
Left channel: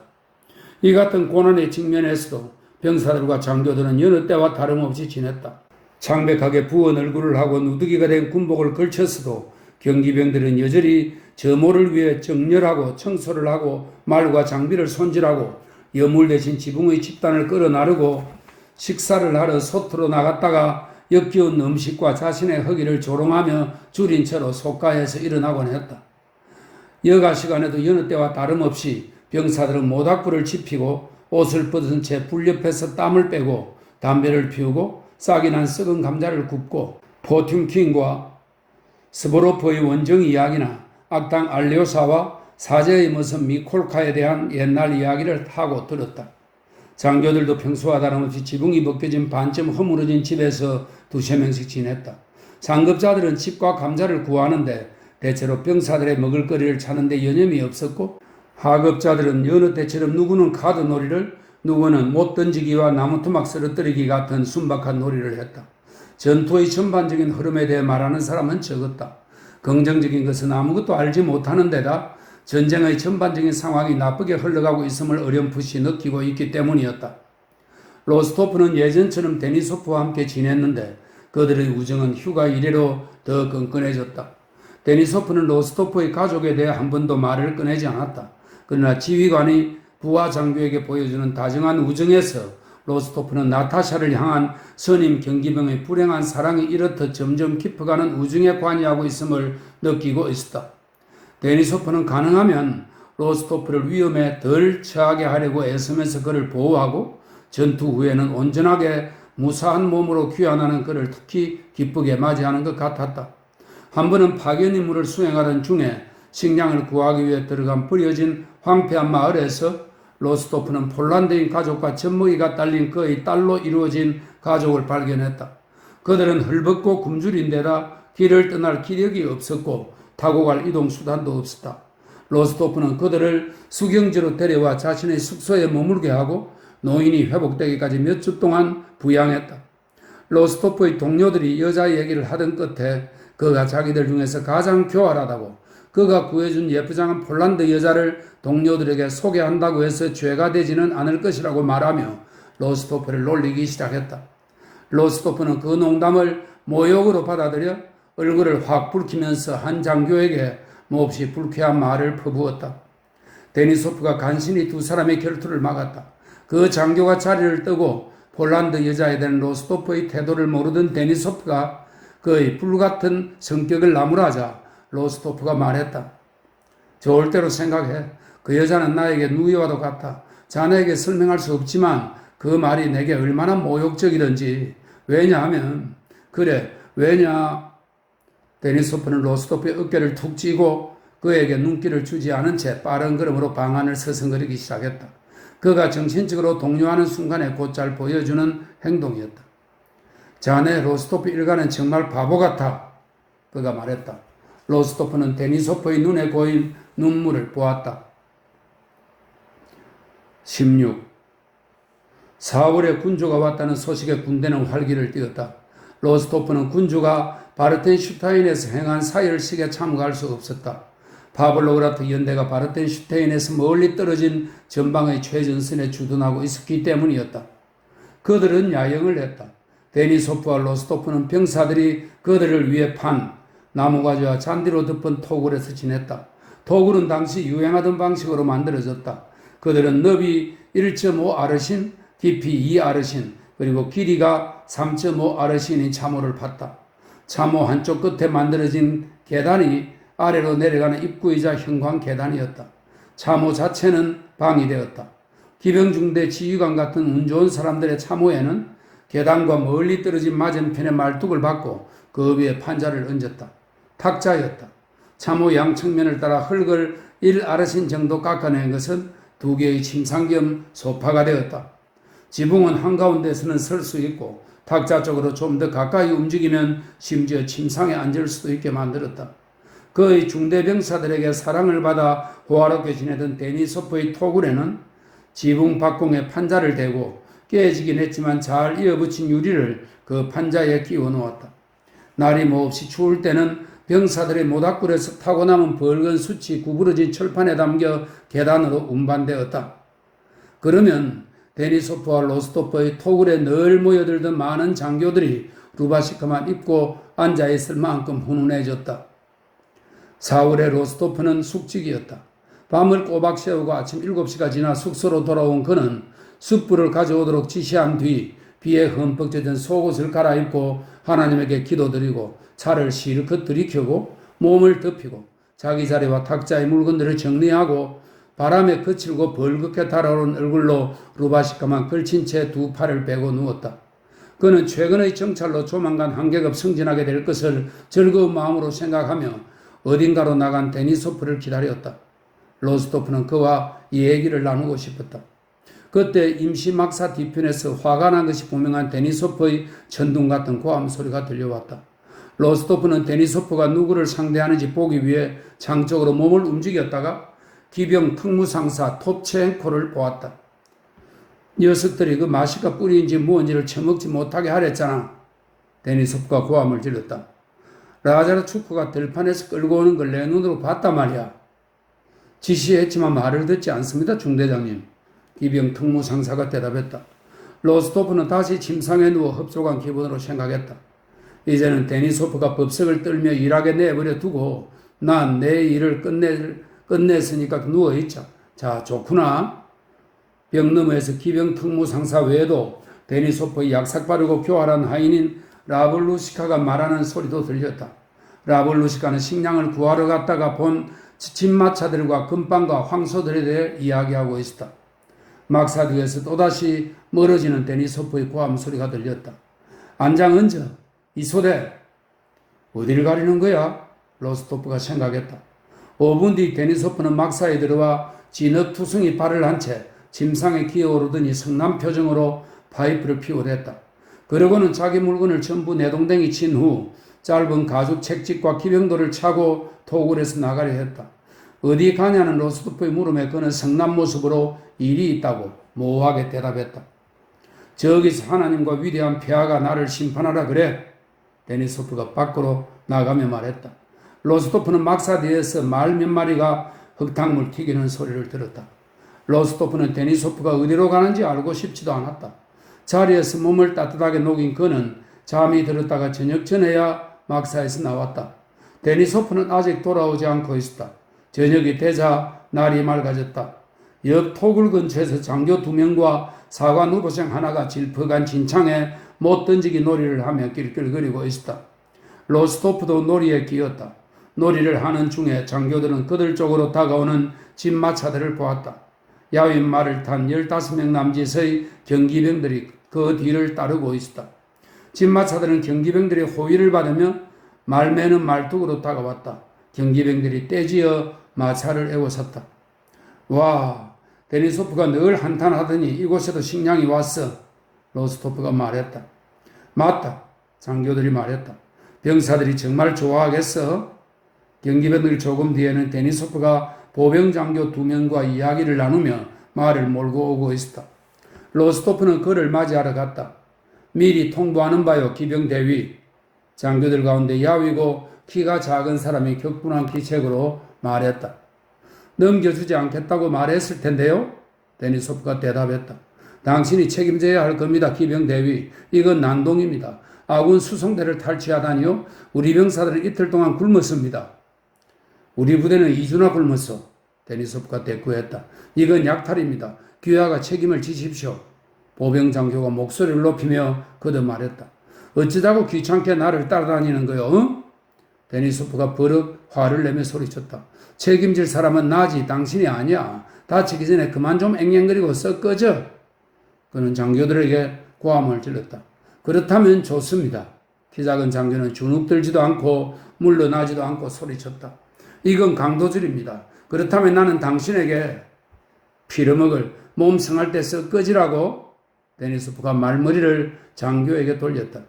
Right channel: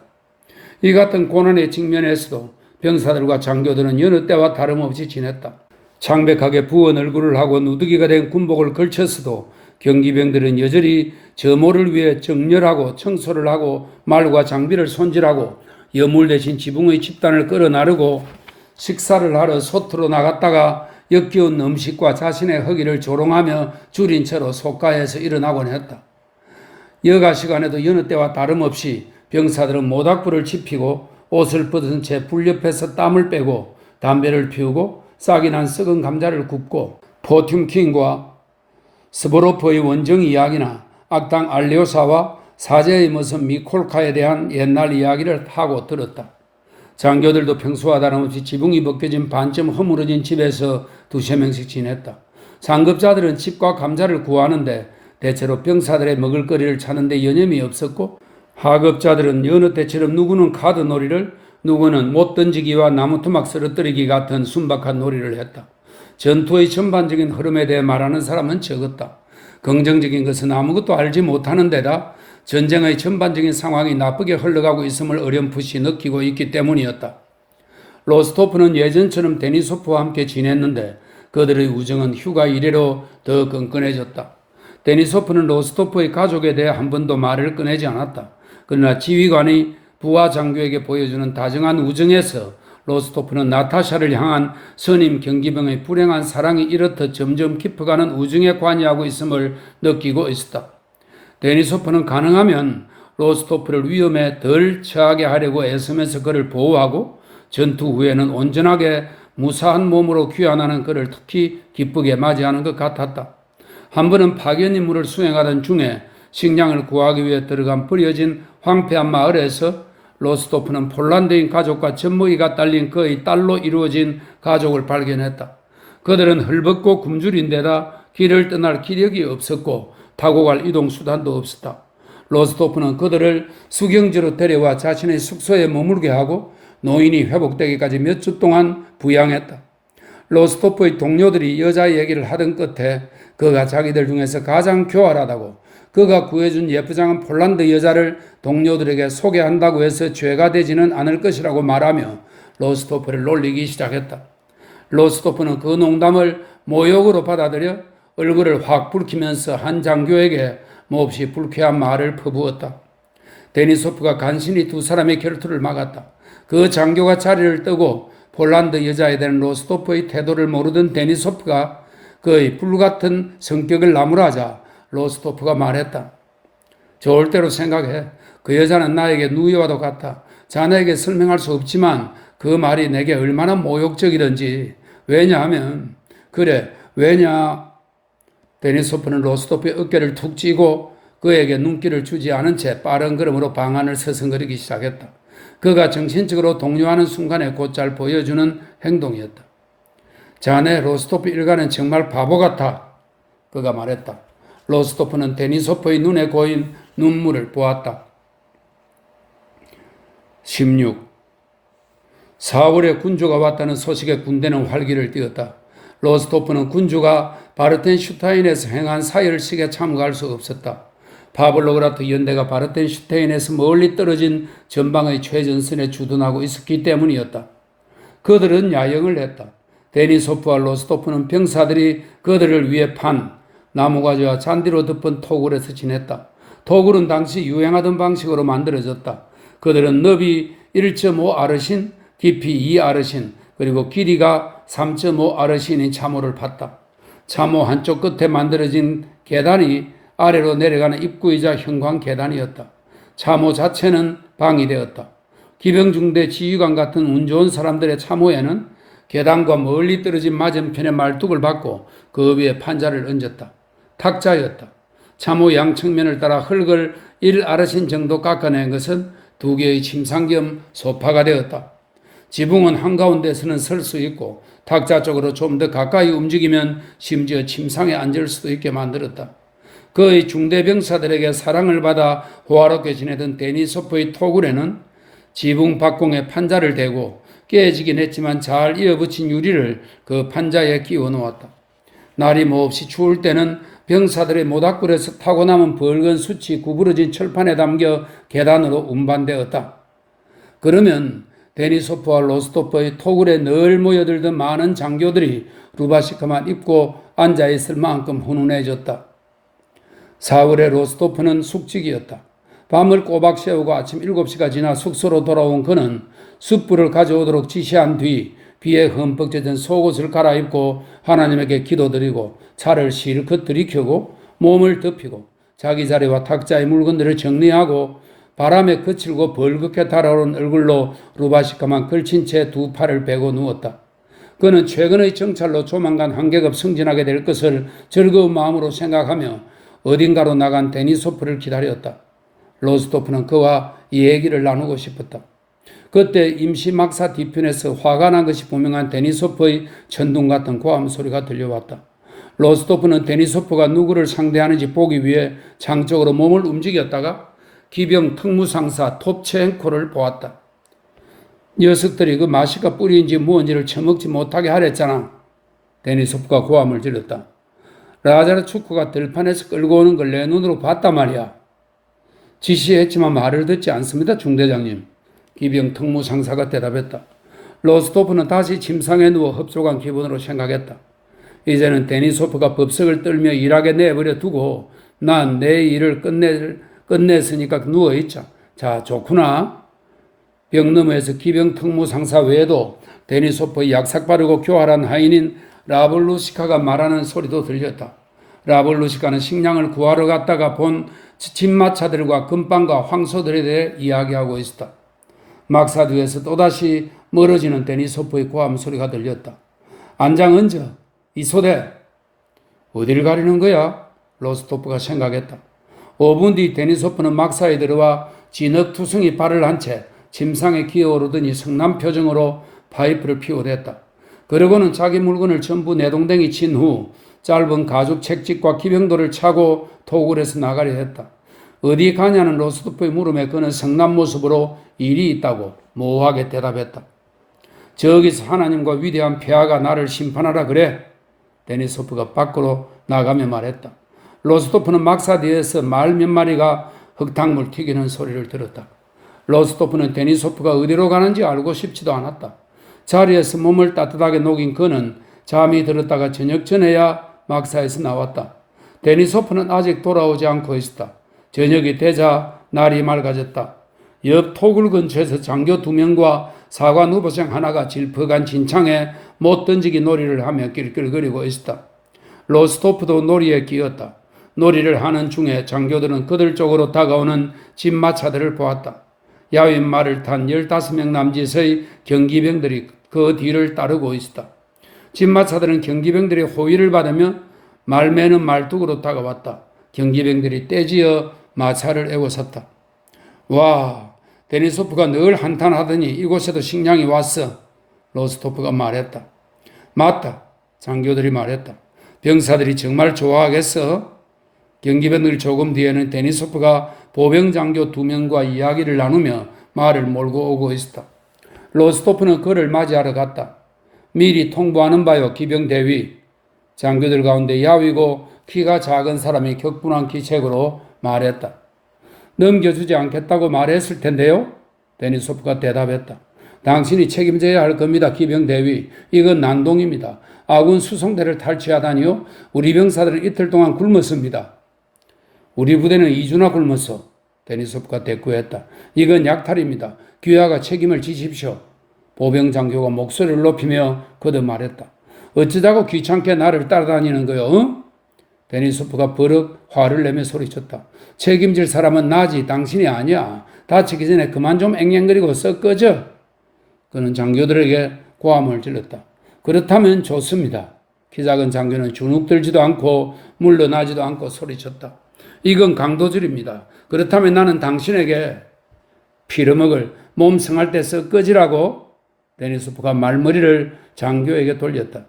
이 같은 고난의 직면에서도 병사들과 장교들은 여느 때와 다름없이 지냈다. 창백하게 부은 얼굴을 하고 누더기가 된 군복을 걸쳤어도 경기병들은 여전히 점호를 위해 정렬하고 청소를 하고 말과 장비를 손질하고 여물 대신 지붕의 집단을 끌어 나르고 식사를 하러 소트로 나갔다가 역겨운 음식과 자신의 허기를 조롱하며 줄인 채로 속가에서 일어나곤 했다. 여가 시간에도 여느 때와 다름없이 병사들은 모닥불을 지피고 옷을 벗은 채 불 옆에서 땀을 빼고 담배를 피우고 싹이 난 썩은 감자를 굽고 포튠킨과 스보로프의 원정 이야기나 악당 알레오사와 사제의 모습 미콜카에 대한 옛날 이야기를 하고 들었다. 장교들도 평소와 다름없이 지붕이 벗겨진 반쯤 허물어진 집에서 2~3명씩 지냈다. 상급자들은 집과 감자를 구하는데 대체로 병사들의 먹을거리를 찾는데 여념이 없었고 하급자들은 여느 때처럼 누구는 카드 놀이를 누구는 못 던지기와 나무토막 쓰러뜨리기 같은 순박한 놀이를 했다. 전투의 전반적인 흐름에 대해 말하는 사람은 적었다. 긍정적인 것은 아무것도 알지 못하는 데다 전쟁의 전반적인 상황이 나쁘게 흘러가고 있음을 어렴풋이 느끼고 있기 때문이었다. 로스토프는 예전처럼 데니소프와 함께 지냈는데 그들의 우정은 휴가 이래로 더 끈끈해졌다. 데니소프는 로스토프의 가족에 대해 한 번도 말을 꺼내지 않았다. 그러나 지휘관이 부하 장교에게 보여주는 다정한 우정에서 로스토프는 나타샤를 향한 선임 경기병의 불행한 사랑이 이렇듯 점점 깊어가는 우정에 관여하고 있음을 느끼고 있었다. 데니소프는 가능하면 로스토프를 위험에 덜 처하게 하려고 애쓰면서 그를 보호하고 전투 후에는 온전하게 무사한 몸으로 귀환하는 그를 특히 기쁘게 맞이하는 것 같았다. 한 번은 파견 임무를 수행하던 중에 식량을 구하기 위해 들어간 버려진 황폐한 마을에서 로스토프는 폴란드인 가족과 젖먹이가 딸린 그의 딸로 이루어진 가족을 발견했다. 그들은 헐벗고 굶주린데다 길을 떠날 기력이 없었고 타고 갈 이동수단도 없었다. 로스토프는 그들을 수경지로 데려와 자신의 숙소에 머물게 하고 노인이 회복되기까지 몇 주 동안 부양했다. 로스토프의 동료들이 여자 얘기를 하던 끝에 그가 자기들 중에서 가장 교활하다고 그가 구해준 예쁘장한 폴란드 여자를 동료들에게 소개한다고 해서 죄가 되지는 않을 것이라고 말하며 로스토프를 놀리기 시작했다. 로스토프는 그 농담을 모욕으로 받아들여 얼굴을 확 붉히면서 한 장교에게 몹시 불쾌한 말을 퍼부었다. 데니소프가 간신히 두 사람의 결투를 막았다. 그 장교가 자리를 뜨고 폴란드 여자에 대한 로스토프의 태도를 모르던 데니소프가 그의 불같은 성격을 나무라자 로스토프가 말했다. 좋을 대로 생각해. 그 여자는 나에게 누이와도 같아. 자네에게 설명할 수 없지만 그 말이 내게 얼마나 모욕적이든지. 왜냐하면 그래 왜냐 데니소프는 로스토프의 어깨를 툭 쥐고 그에게 눈길을 주지 않은 채 빠른 걸음으로 방 안을 서성거리기 시작했다. 그가 정신적으로 동요하는 순간에 곧잘 보여주는 행동이었다. 자네 로스토프 일가는 정말 바보 같아. 그가 말했다. 로스토프는 데니소프의 눈에 고인 눈물을 보았다. 16. 4월에 군주가 왔다는 소식에 군대는 활기를 띠었다. 로스토프는 군주가 바르텐슈타인에서 행한 사열식에 참가할 수 없었다. 파블로그라트 연대가 바르텐슈타인에서 멀리 떨어진 전방의 최전선에 주둔하고 있었기 때문이었다. 그들은 야영을 했다. 데니소프와 로스토프는 병사들이 그들을 위해 판 나무가지와 잔디로 덮은 토굴에서 지냈다. 토굴은 당시 유행하던 방식으로 만들어졌다. 그들은 너비 1.5 아르신, 깊이 2 아르신, 그리고 길이가 3.5 아르신의 참호를 팠다. 참호 한쪽 끝에 만들어진 계단이 아래로 내려가는 입구이자 형광 계단이었다. 참호 자체는 방이 되었다. 기병중대 지휘관 같은 운 좋은 사람들의 참호에는 계단과 멀리 떨어진 맞은편에 말뚝을 박고 그 위에 판자를 얹었다. 탁자였다. 참호 양측면을 따라 흙을 1아르신 정도 깎아낸 것은 2개의 침상 겸 소파가 되었다. 지붕은 한가운데서는 설 수 있고 탁자 쪽으로 좀 더 가까이 움직이면 심지어 침상에 앉을 수도 있게 만들었다. 그의 중대병사들에게 사랑을 받아 호화롭게 지내던 데니소프의 토굴에는 지붕 박공에 판자를 대고 깨지긴 했지만 잘 이어붙인 유리를 그 판자에 끼워 놓았다. 날이 몹시 추울 때는 병사들의 모닥불에서 타고 남은 붉은 숯이 구부러진 철판에 담겨 계단으로 운반되었다. 그러면 데니소프와 로스토프의 토굴에 늘 모여들던 많은 장교들이 루바시카만 입고 앉아있을 만큼 훈훈해졌다. 4월에 로스토프는 숙직이었다. 밤을 꼬박 새우고 아침 7시가 지나 숙소로 돌아온 그는 숯불을 가져오도록 지시한 뒤 비에 흠뻑 젖은 속옷을 갈아입고 하나님에게 기도드리고 차를 실컷 들이켜고 몸을 덮이고 자기 자리와 탁자의 물건들을 정리하고 바람에 거칠고 벌겋게 달아오른 얼굴로 루바시카만 걸친 채 2 팔을 베고 누웠다. 그는 최근의 정찰로 조만간 한 계급 승진하게 될 것을 즐거운 마음으로 생각하며 어딘가로 나간 데니소프를 기다렸다. 로스토프는 그와 이 얘기를 나누고 싶었다. 그때 임시 막사 뒤편에서 화가 난 것이 분명한 데니소프의 천둥 같은 고함 소리가 들려왔다. 로스토프는 데니소프가 누구를 상대하는지 보기 위해 창 쪽으로 몸을 움직였다가 기병 특무상사 톱체엔코를 보았다. 녀석들이 그 마시카 뿌리인지 무언지를 처먹지 못하게 하랬잖아. 데니소프가 고함을 질렀다. 라자르 축구가 들판에서 끌고 오는 걸 내 눈으로 봤단 말이야. 지시했지만 말을 듣지 않습니다, 중대장님. 기병 특무상사가 대답했다. 로스토프는 다시 침상에 누워 흡족한 기분으로 생각했다. 이제는 데니소프가 법석을 떨며 일하게 내버려 두고 난 내 일을 끝냈으니까 누워있자. 자, 좋구나. 벽 너머에서 기병 특무상사 외에도 데니소프의 약삭 빠르고 교활한 하인인 라블루시카가 말하는 소리도 들렸다. 라블루시카는 식량을 구하러 갔다가 본 진마차들과 금빵과 황소들에 대해 이야기하고 있었다. 막사 뒤에서 또다시 멀어지는 데니소프의 고함 소리가 들렸다. 안장 얹어. 이소대. 어디를 가려는 거야? 로스토프가 생각했다. 5분 뒤 데니소프는 막사에 들어와 진흙투성이 발을 한 채 침상에 기어오르더니 성남 표정으로 파이프를 피워댔다. 그러고는 자기 물건을 전부 내동댕이 친 후 짧은 가죽 책찍과 기병도를 차고 토굴에서 나가려 했다. 어디 가냐는 로스토프의 물음에 그는 성난 모습으로 일이 있다고 모호하게 대답했다. 저기서 하나님과 위대한 폐하가 나를 심판하라 그래. 데니소프가 밖으로 나가며 말했다. 로스토프는 막사 뒤에서 말 몇 마리가 흙탕물 튀기는 소리를 들었다. 로스토프는 데니소프가 어디로 가는지 알고 싶지도 않았다. 자리에서 몸을 따뜻하게 녹인 그는 잠이 들었다가 저녁 전에야 막사에서 나왔다. 데니소프는 아직 돌아오지 않고 있었다. 저녁이 되자 날이 맑아졌다. 옆 토굴 근처에서 장교 2명과 사관 후보생 하나가 질퍽한 진창에 못 던지기 놀이를 하며 낄낄거리고 있었다. 로스토프도 놀이에 끼었다. 놀이를 하는 중에 장교들은 그들 쪽으로 다가오는 진마차들을 보았다. 야윈 말을 탄 15명 남짓의 경기병들이 그 뒤를 따르고 있었다. 진마차들은 경기병들의 호위를 받으며 말매는 말뚝으로 다가왔다. 경기병들이 떼지어 마차를 에워섰다. 와, 데니소프가 늘 한탄하더니 이곳에도 식량이 왔어. 로스토프가 말했다. 맞다. 장교들이 말했다. 병사들이 정말 좋아하겠어? 경기병들 조금 뒤에는 데니소프가 보병장교 2명과 이야기를 나누며 말을 몰고 오고 있었다. 로스토프는 그를 맞이하러 갔다. 미리 통보하는 바요, 기병대위. 장교들 가운데 야위고 키가 작은 사람이 격분한 기책으로 말했다. 넘겨주지 않겠다고 말했을 텐데요? 데니소프가 대답했다. 당신이 책임져야 할 겁니다, 기병대위. 이건 난동입니다. 아군 수송대를 탈취하다니요? 우리 병사들은 이틀 동안 굶었습니다. 우리 부대는 2주나 굶었어. 데니소프가 대꾸했다. 이건 약탈입니다. 귀하가 책임을 지십시오. 보병장교가 목소리를 높이며 거듭 말했다. 어쩌자고 귀찮게 나를 따라다니는 거요? 어? 데니소프가 버럭 화를 내며 소리쳤다. 책임질 사람은 나지 당신이 아니야. 다치기 전에 그만 좀 앵앵거리고 썩 꺼져. 그는 장교들에게 고함을 질렀다. 그렇다면 좋습니다. 키 작은 장교는 주눅들지도 않고 물러나지도 않고 소리쳤다. 이건 강도질입니다. 그렇다면 나는 당신에게 피려먹을 몸 상할 때 썩 꺼지라고. 데니소프가 말머리를 장교에게 돌렸다.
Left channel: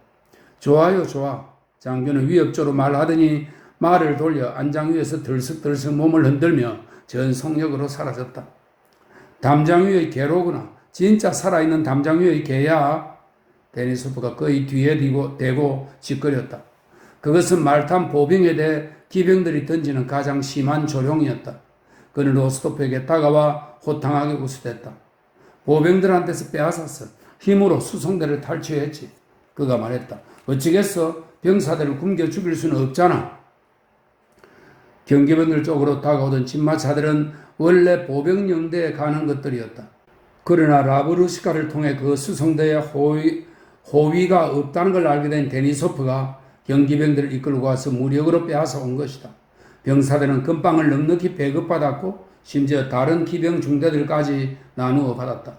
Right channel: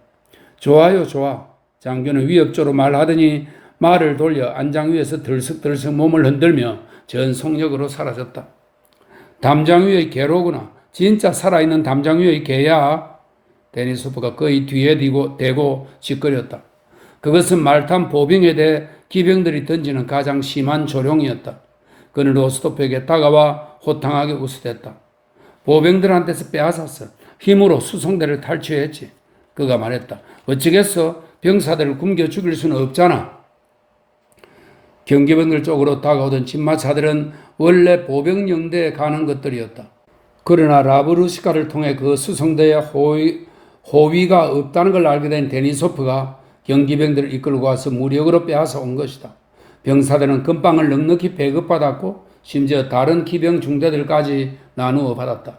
좋아요, 좋아. 장교는 위협조로 말하더니 말을 돌려 안장 위에서 들썩들썩 몸을 흔들며 전속력으로 사라졌다. 담장 위의 개로구나. 진짜 살아있는 담장 위의 개야. 데니소프가 그의 뒤에 대고 짓거렸다. 그것은 말탄 보병에 대해 기병들이 던지는 가장 심한 조롱이었다. 그는 로스토프에게 다가와 호탕하게 웃어댔다. 보병들한테서 빼앗았어. 힘으로 수송대를 탈취했지. 그가 말했다. 어찌겠어? 병사들을 굶겨 죽일 수는 없잖아. 경기병들 쪽으로 다가오던 진마차들은 원래 보병영대에 가는 것들이었다. 그러나 라브루시카를 통해 그 수송대에 호위가 없다는 걸 알게 된 데니소프가 경기병들을 이끌고 와서 무력으로 빼앗아 온 것이다. 병사들은 금방을 넉넉히 배급받았고 심지어 다른 기병 중대들까지 나누어 받았다.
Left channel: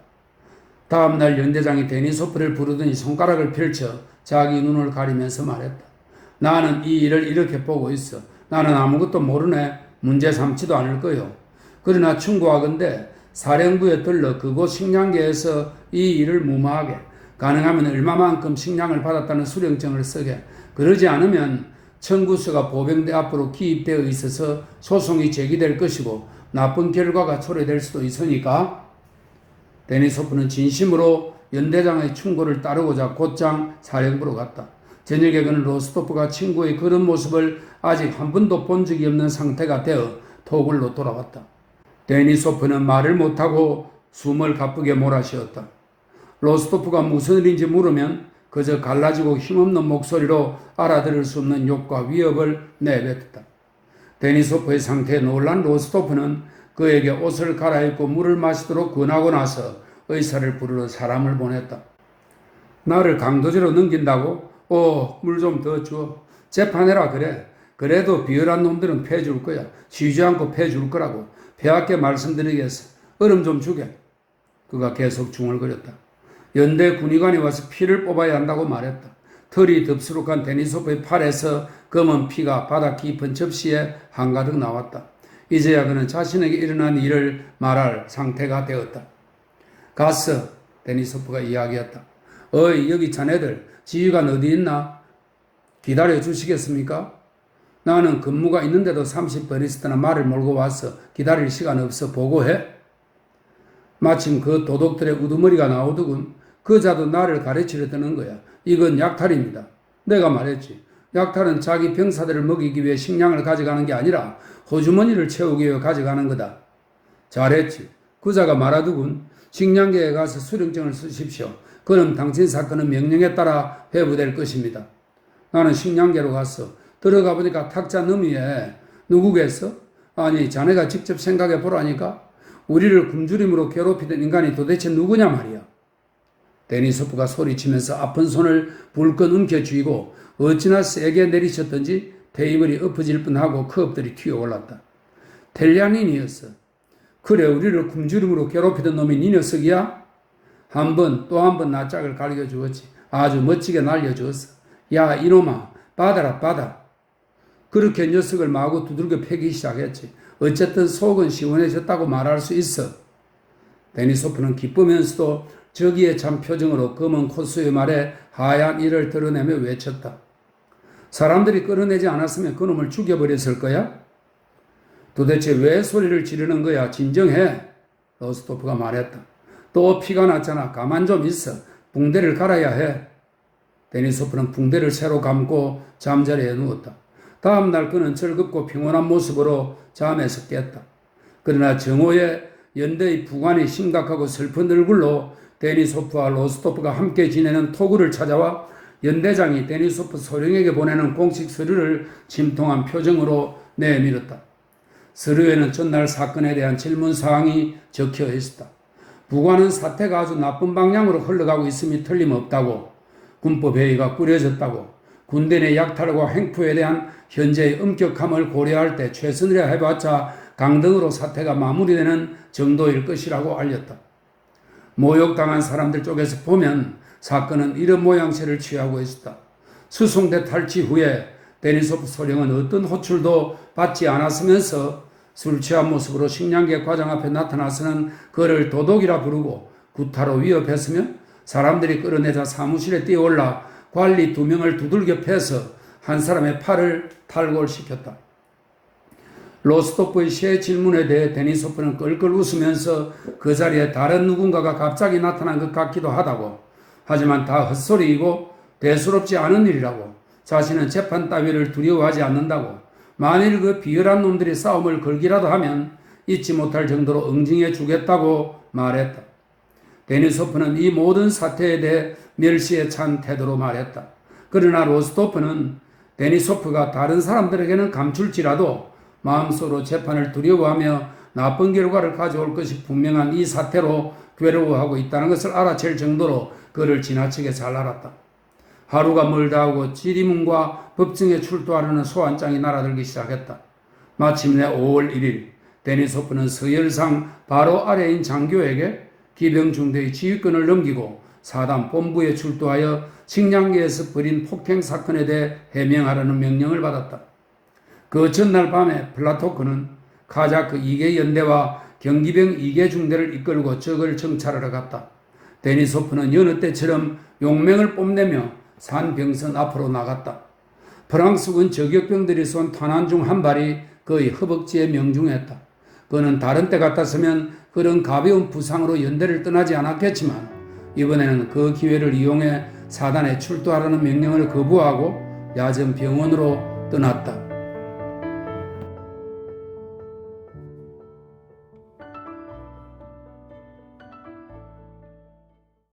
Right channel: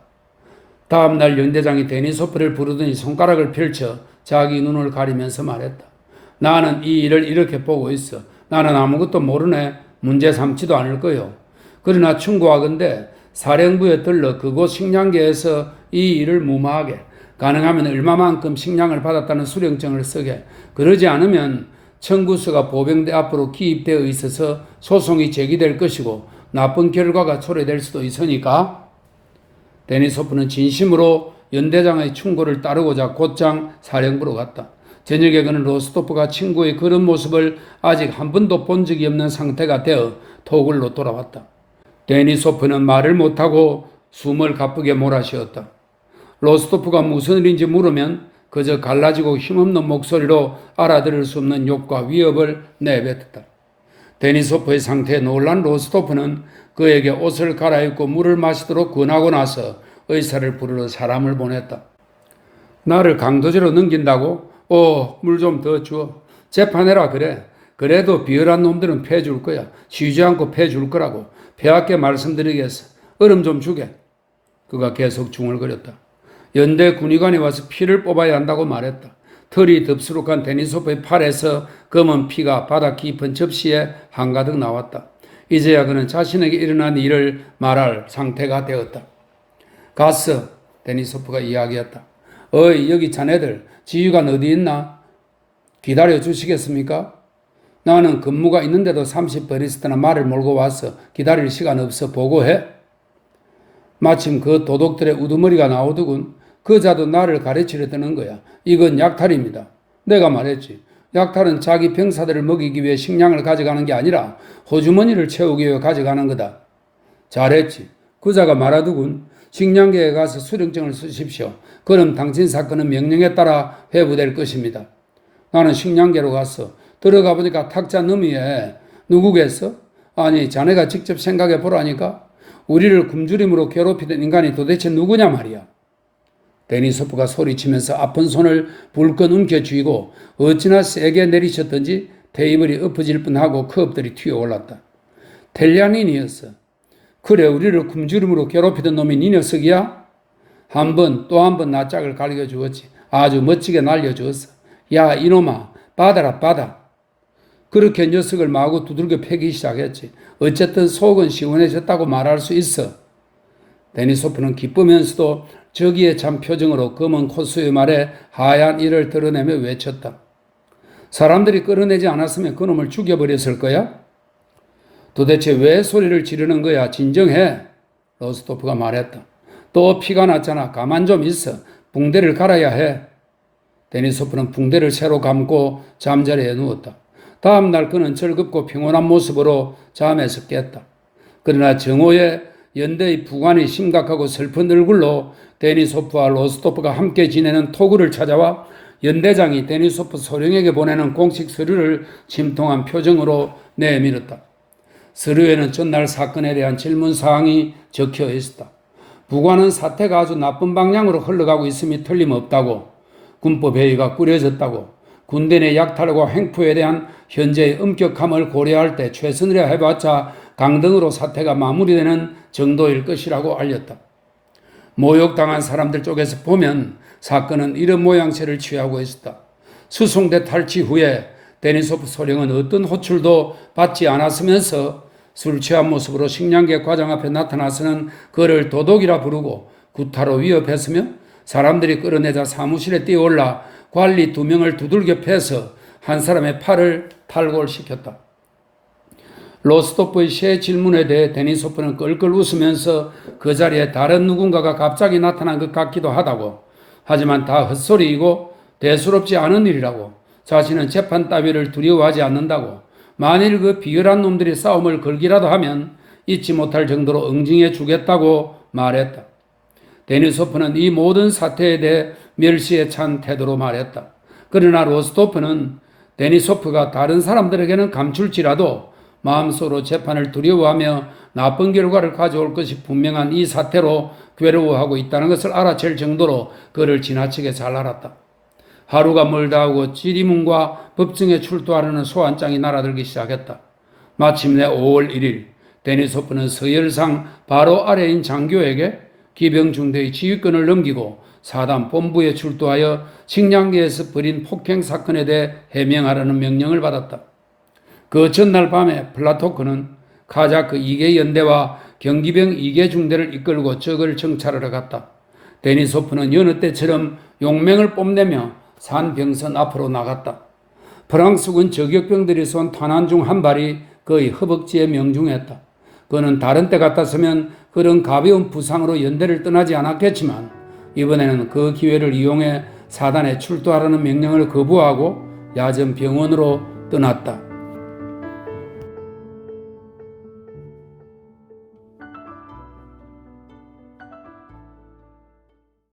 다음날 연대장이 데니소프를 부르더니 손가락을 펼쳐 자기 눈을 가리면서 말했다. 나는 이 일을 이렇게 보고 있어. 나는 아무것도 모르네. 문제 삼지도 않을 거요. 그러나 충고하건대 사령부에 들러 그곳 식량계에서 이 일을 무마하게, 가능하면 얼마만큼 식량을 받았다는 수령증을 쓰게, 그러지 않으면 청구서가 보병대 앞으로 기입되어 있어서 소송이 제기될 것이고 나쁜 결과가 초래될 수도 있으니까. 데니소프는 진심으로 연대장의 충고를 따르고자 곧장 사령부로 갔다. 저녁에 그는 로스토프가 친구의 그런 모습을 아직 한 번도 본 적이 없는 상태가 되어 토굴로 돌아왔다. 데니소프는 말을 못하고 숨을 가쁘게 몰아쉬었다. 로스토프가 무슨 일인지 물으면 그저 갈라지고 힘없는 목소리로 알아들을 수 없는 욕과 위협을 내뱉었다. 데니소프의 상태에 놀란 로스토프는 그에게 옷을 갈아입고 물을 마시도록 권하고 나서 의사를 부르러 사람을 보냈다. 나를 강도질로 넘긴다고? 물 좀 더 줘. 재판해라 그래. 그래도 비열한 놈들은 패줄 거야. 쉬지 않고 패줄 거라고. 폐하께 말씀드리겠어. 얼음 좀 주게. 그가 계속 중얼거렸다. 연대 군의관이 와서 피를 뽑아야 한다고 말했다. 털이 덥수룩한 데니소프의 팔에서 검은 피가 바닥 깊은 접시에 한가득 나왔다. 이제야 그는 자신에게 일어난 일을 말할 상태가 되었다. 갔어. 데니소프가 이야기했다. 어이, 여기 자네들 지휘관 어디 있나? 기다려 주시겠습니까? 나는 근무가 있는데도 30번 있었더나 말을 몰고 왔어. 기다릴 시간 없어. 보고해. 마침 그 도둑들의 우두머리가 나오더군. 그자도 나를 가르치려 드는 거야. 이건 약탈입니다. 내가 말했지. 약탈은 자기 병사들을 먹이기 위해 식량을 가져가는 게 아니라 호주머니를 채우기 위해 가져가는 거다. 잘했지. 그자가 말하더군. 식량계에 가서 수령증을 쓰십시오. 그럼 당신 사건은 명령에 따라 회부될 것입니다. 나는 식량계로 갔어. 들어가 보니까 탁자 너미에 누구겠어? 아니, 자네가 직접 생각해 보라니까. 우리를 굶주림으로 괴롭히던 인간이 도대체 누구냐 말이야. 데니소프가 소리치면서 아픈 손을 불끈 움켜쥐고 어찌나 세게 내리쳤던지 테이블이 엎어질 뻔하고 컵들이 튀어올랐다. 텔리아닌이었어. 그래, 우리를 굶주림으로 괴롭히던 놈이 네 녀석이야? 한 번 또 한 번 나 짝을 갈겨주었지. 아주 멋지게 날려주었어. 야, 이놈아, 받아라, 받아. 그렇게 녀석을 마구 두들겨 패기 시작했지. 어쨌든 속은 시원해졌다고 말할 수 있어. 데니소프는 기쁘면서도 저기에 찬 표정으로 검은 콧수의 말에 하얀 이를 드러내며 외쳤다. 사람들이 끌어내지 않았으면 그놈을 죽여버렸을 거야? 도대체 왜 소리를 지르는 거야? 진정해. 로스토프가 말했다. 또 피가 났잖아. 가만 좀 있어. 붕대를 갈아야 해. 데니소프는 붕대를 새로 감고 잠자리에 누웠다. 다음 날 그는 즐겁고 평온한 모습으로 잠에서 깼다. 그러나 정오에 연대의 부관이 심각하고 슬픈 얼굴로 데니소프와 로스토프가 함께 지내는 토구를 찾아와 연대장이 데니소프 소령에게 보내는 공식 서류를 침통한 표정으로 내밀었다. 서류에는 전날 사건에 대한 질문 사항이 적혀 있었다. 부관은 사태가 아주 나쁜 방향으로 흘러가고 있음이 틀림없다고, 군법회의가 꾸려졌다고, 군대 내 약탈과 횡포에 대한 현재의 엄격함을 고려할 때 최선이라 해봤자 강등으로 사태가 마무리되는 정도일 것이라고 알렸다. 모욕당한 사람들 쪽에서 보면 사건은 이런 모양새를 취하고 있었다. 수송대 탈취 후에 데니소프 소령은 어떤 호출도 받지 않았으면서 술 취한 모습으로 식량계 과장 앞에 나타나서는 그를 도둑이라 부르고 구타로 위협했으며 사람들이 끌어내자 사무실에 뛰어올라 관리 2명을 두들겨 패서 한 사람의 팔을 탈골시켰다. 로스토프의 새 질문에 대해 데니소프는 껄껄 웃으면서 그 자리에 다른 누군가가 갑자기 나타난 것 같기도 하다고, 하지만 다 헛소리이고 대수롭지 않은 일이라고, 자신은 재판 따위를 두려워하지 않는다고, 만일 그 비열한 놈들이 싸움을 걸기라도 하면 잊지 못할 정도로 응징해 주겠다고 말했다. 데니소프는 이 모든 사태에 대해 멸시에 찬 태도로 말했다. 그러나 로스토프는 데니소프가 다른 사람들에게는 감출지라도 마음속으로 재판을 두려워하며 나쁜 결과를 가져올 것이 분명한 이 사태로 괴로워하고 있다는 것을 알아챌 정도로 그를 지나치게 잘 알았다. 하루가 멀다 하고 지리문과 법정에 출두하려는 소환장이 날아들기 시작했다. 마침내 5월 1일 데니소프는 서열상 바로 아래인 장교에게 기병중대의 지휘권을 넘기고 사단 본부에 출두하여 식량계에서 벌인 폭행 사건에 대해 해명하라는 명령을 받았다. 그 전날 밤에 플라토크는 카자크 2개 연대와 경기병 2개 중대를 이끌고 적을 정찰하러 갔다. 데니소프는 여느 때처럼 용맹을 뽐내며 산병선 앞으로 나갔다. 프랑스군 저격병들이 쏜 탄환 중 한 발이 그의 허벅지에 명중했다. 그는 다른 때 같았으면 그런 가벼운 부상으로 연대를 떠나지 않았겠지만 이번에는 그 기회를 이용해 사단에 출두하라는 명령을 거부하고 야전 병원으로 떠났다.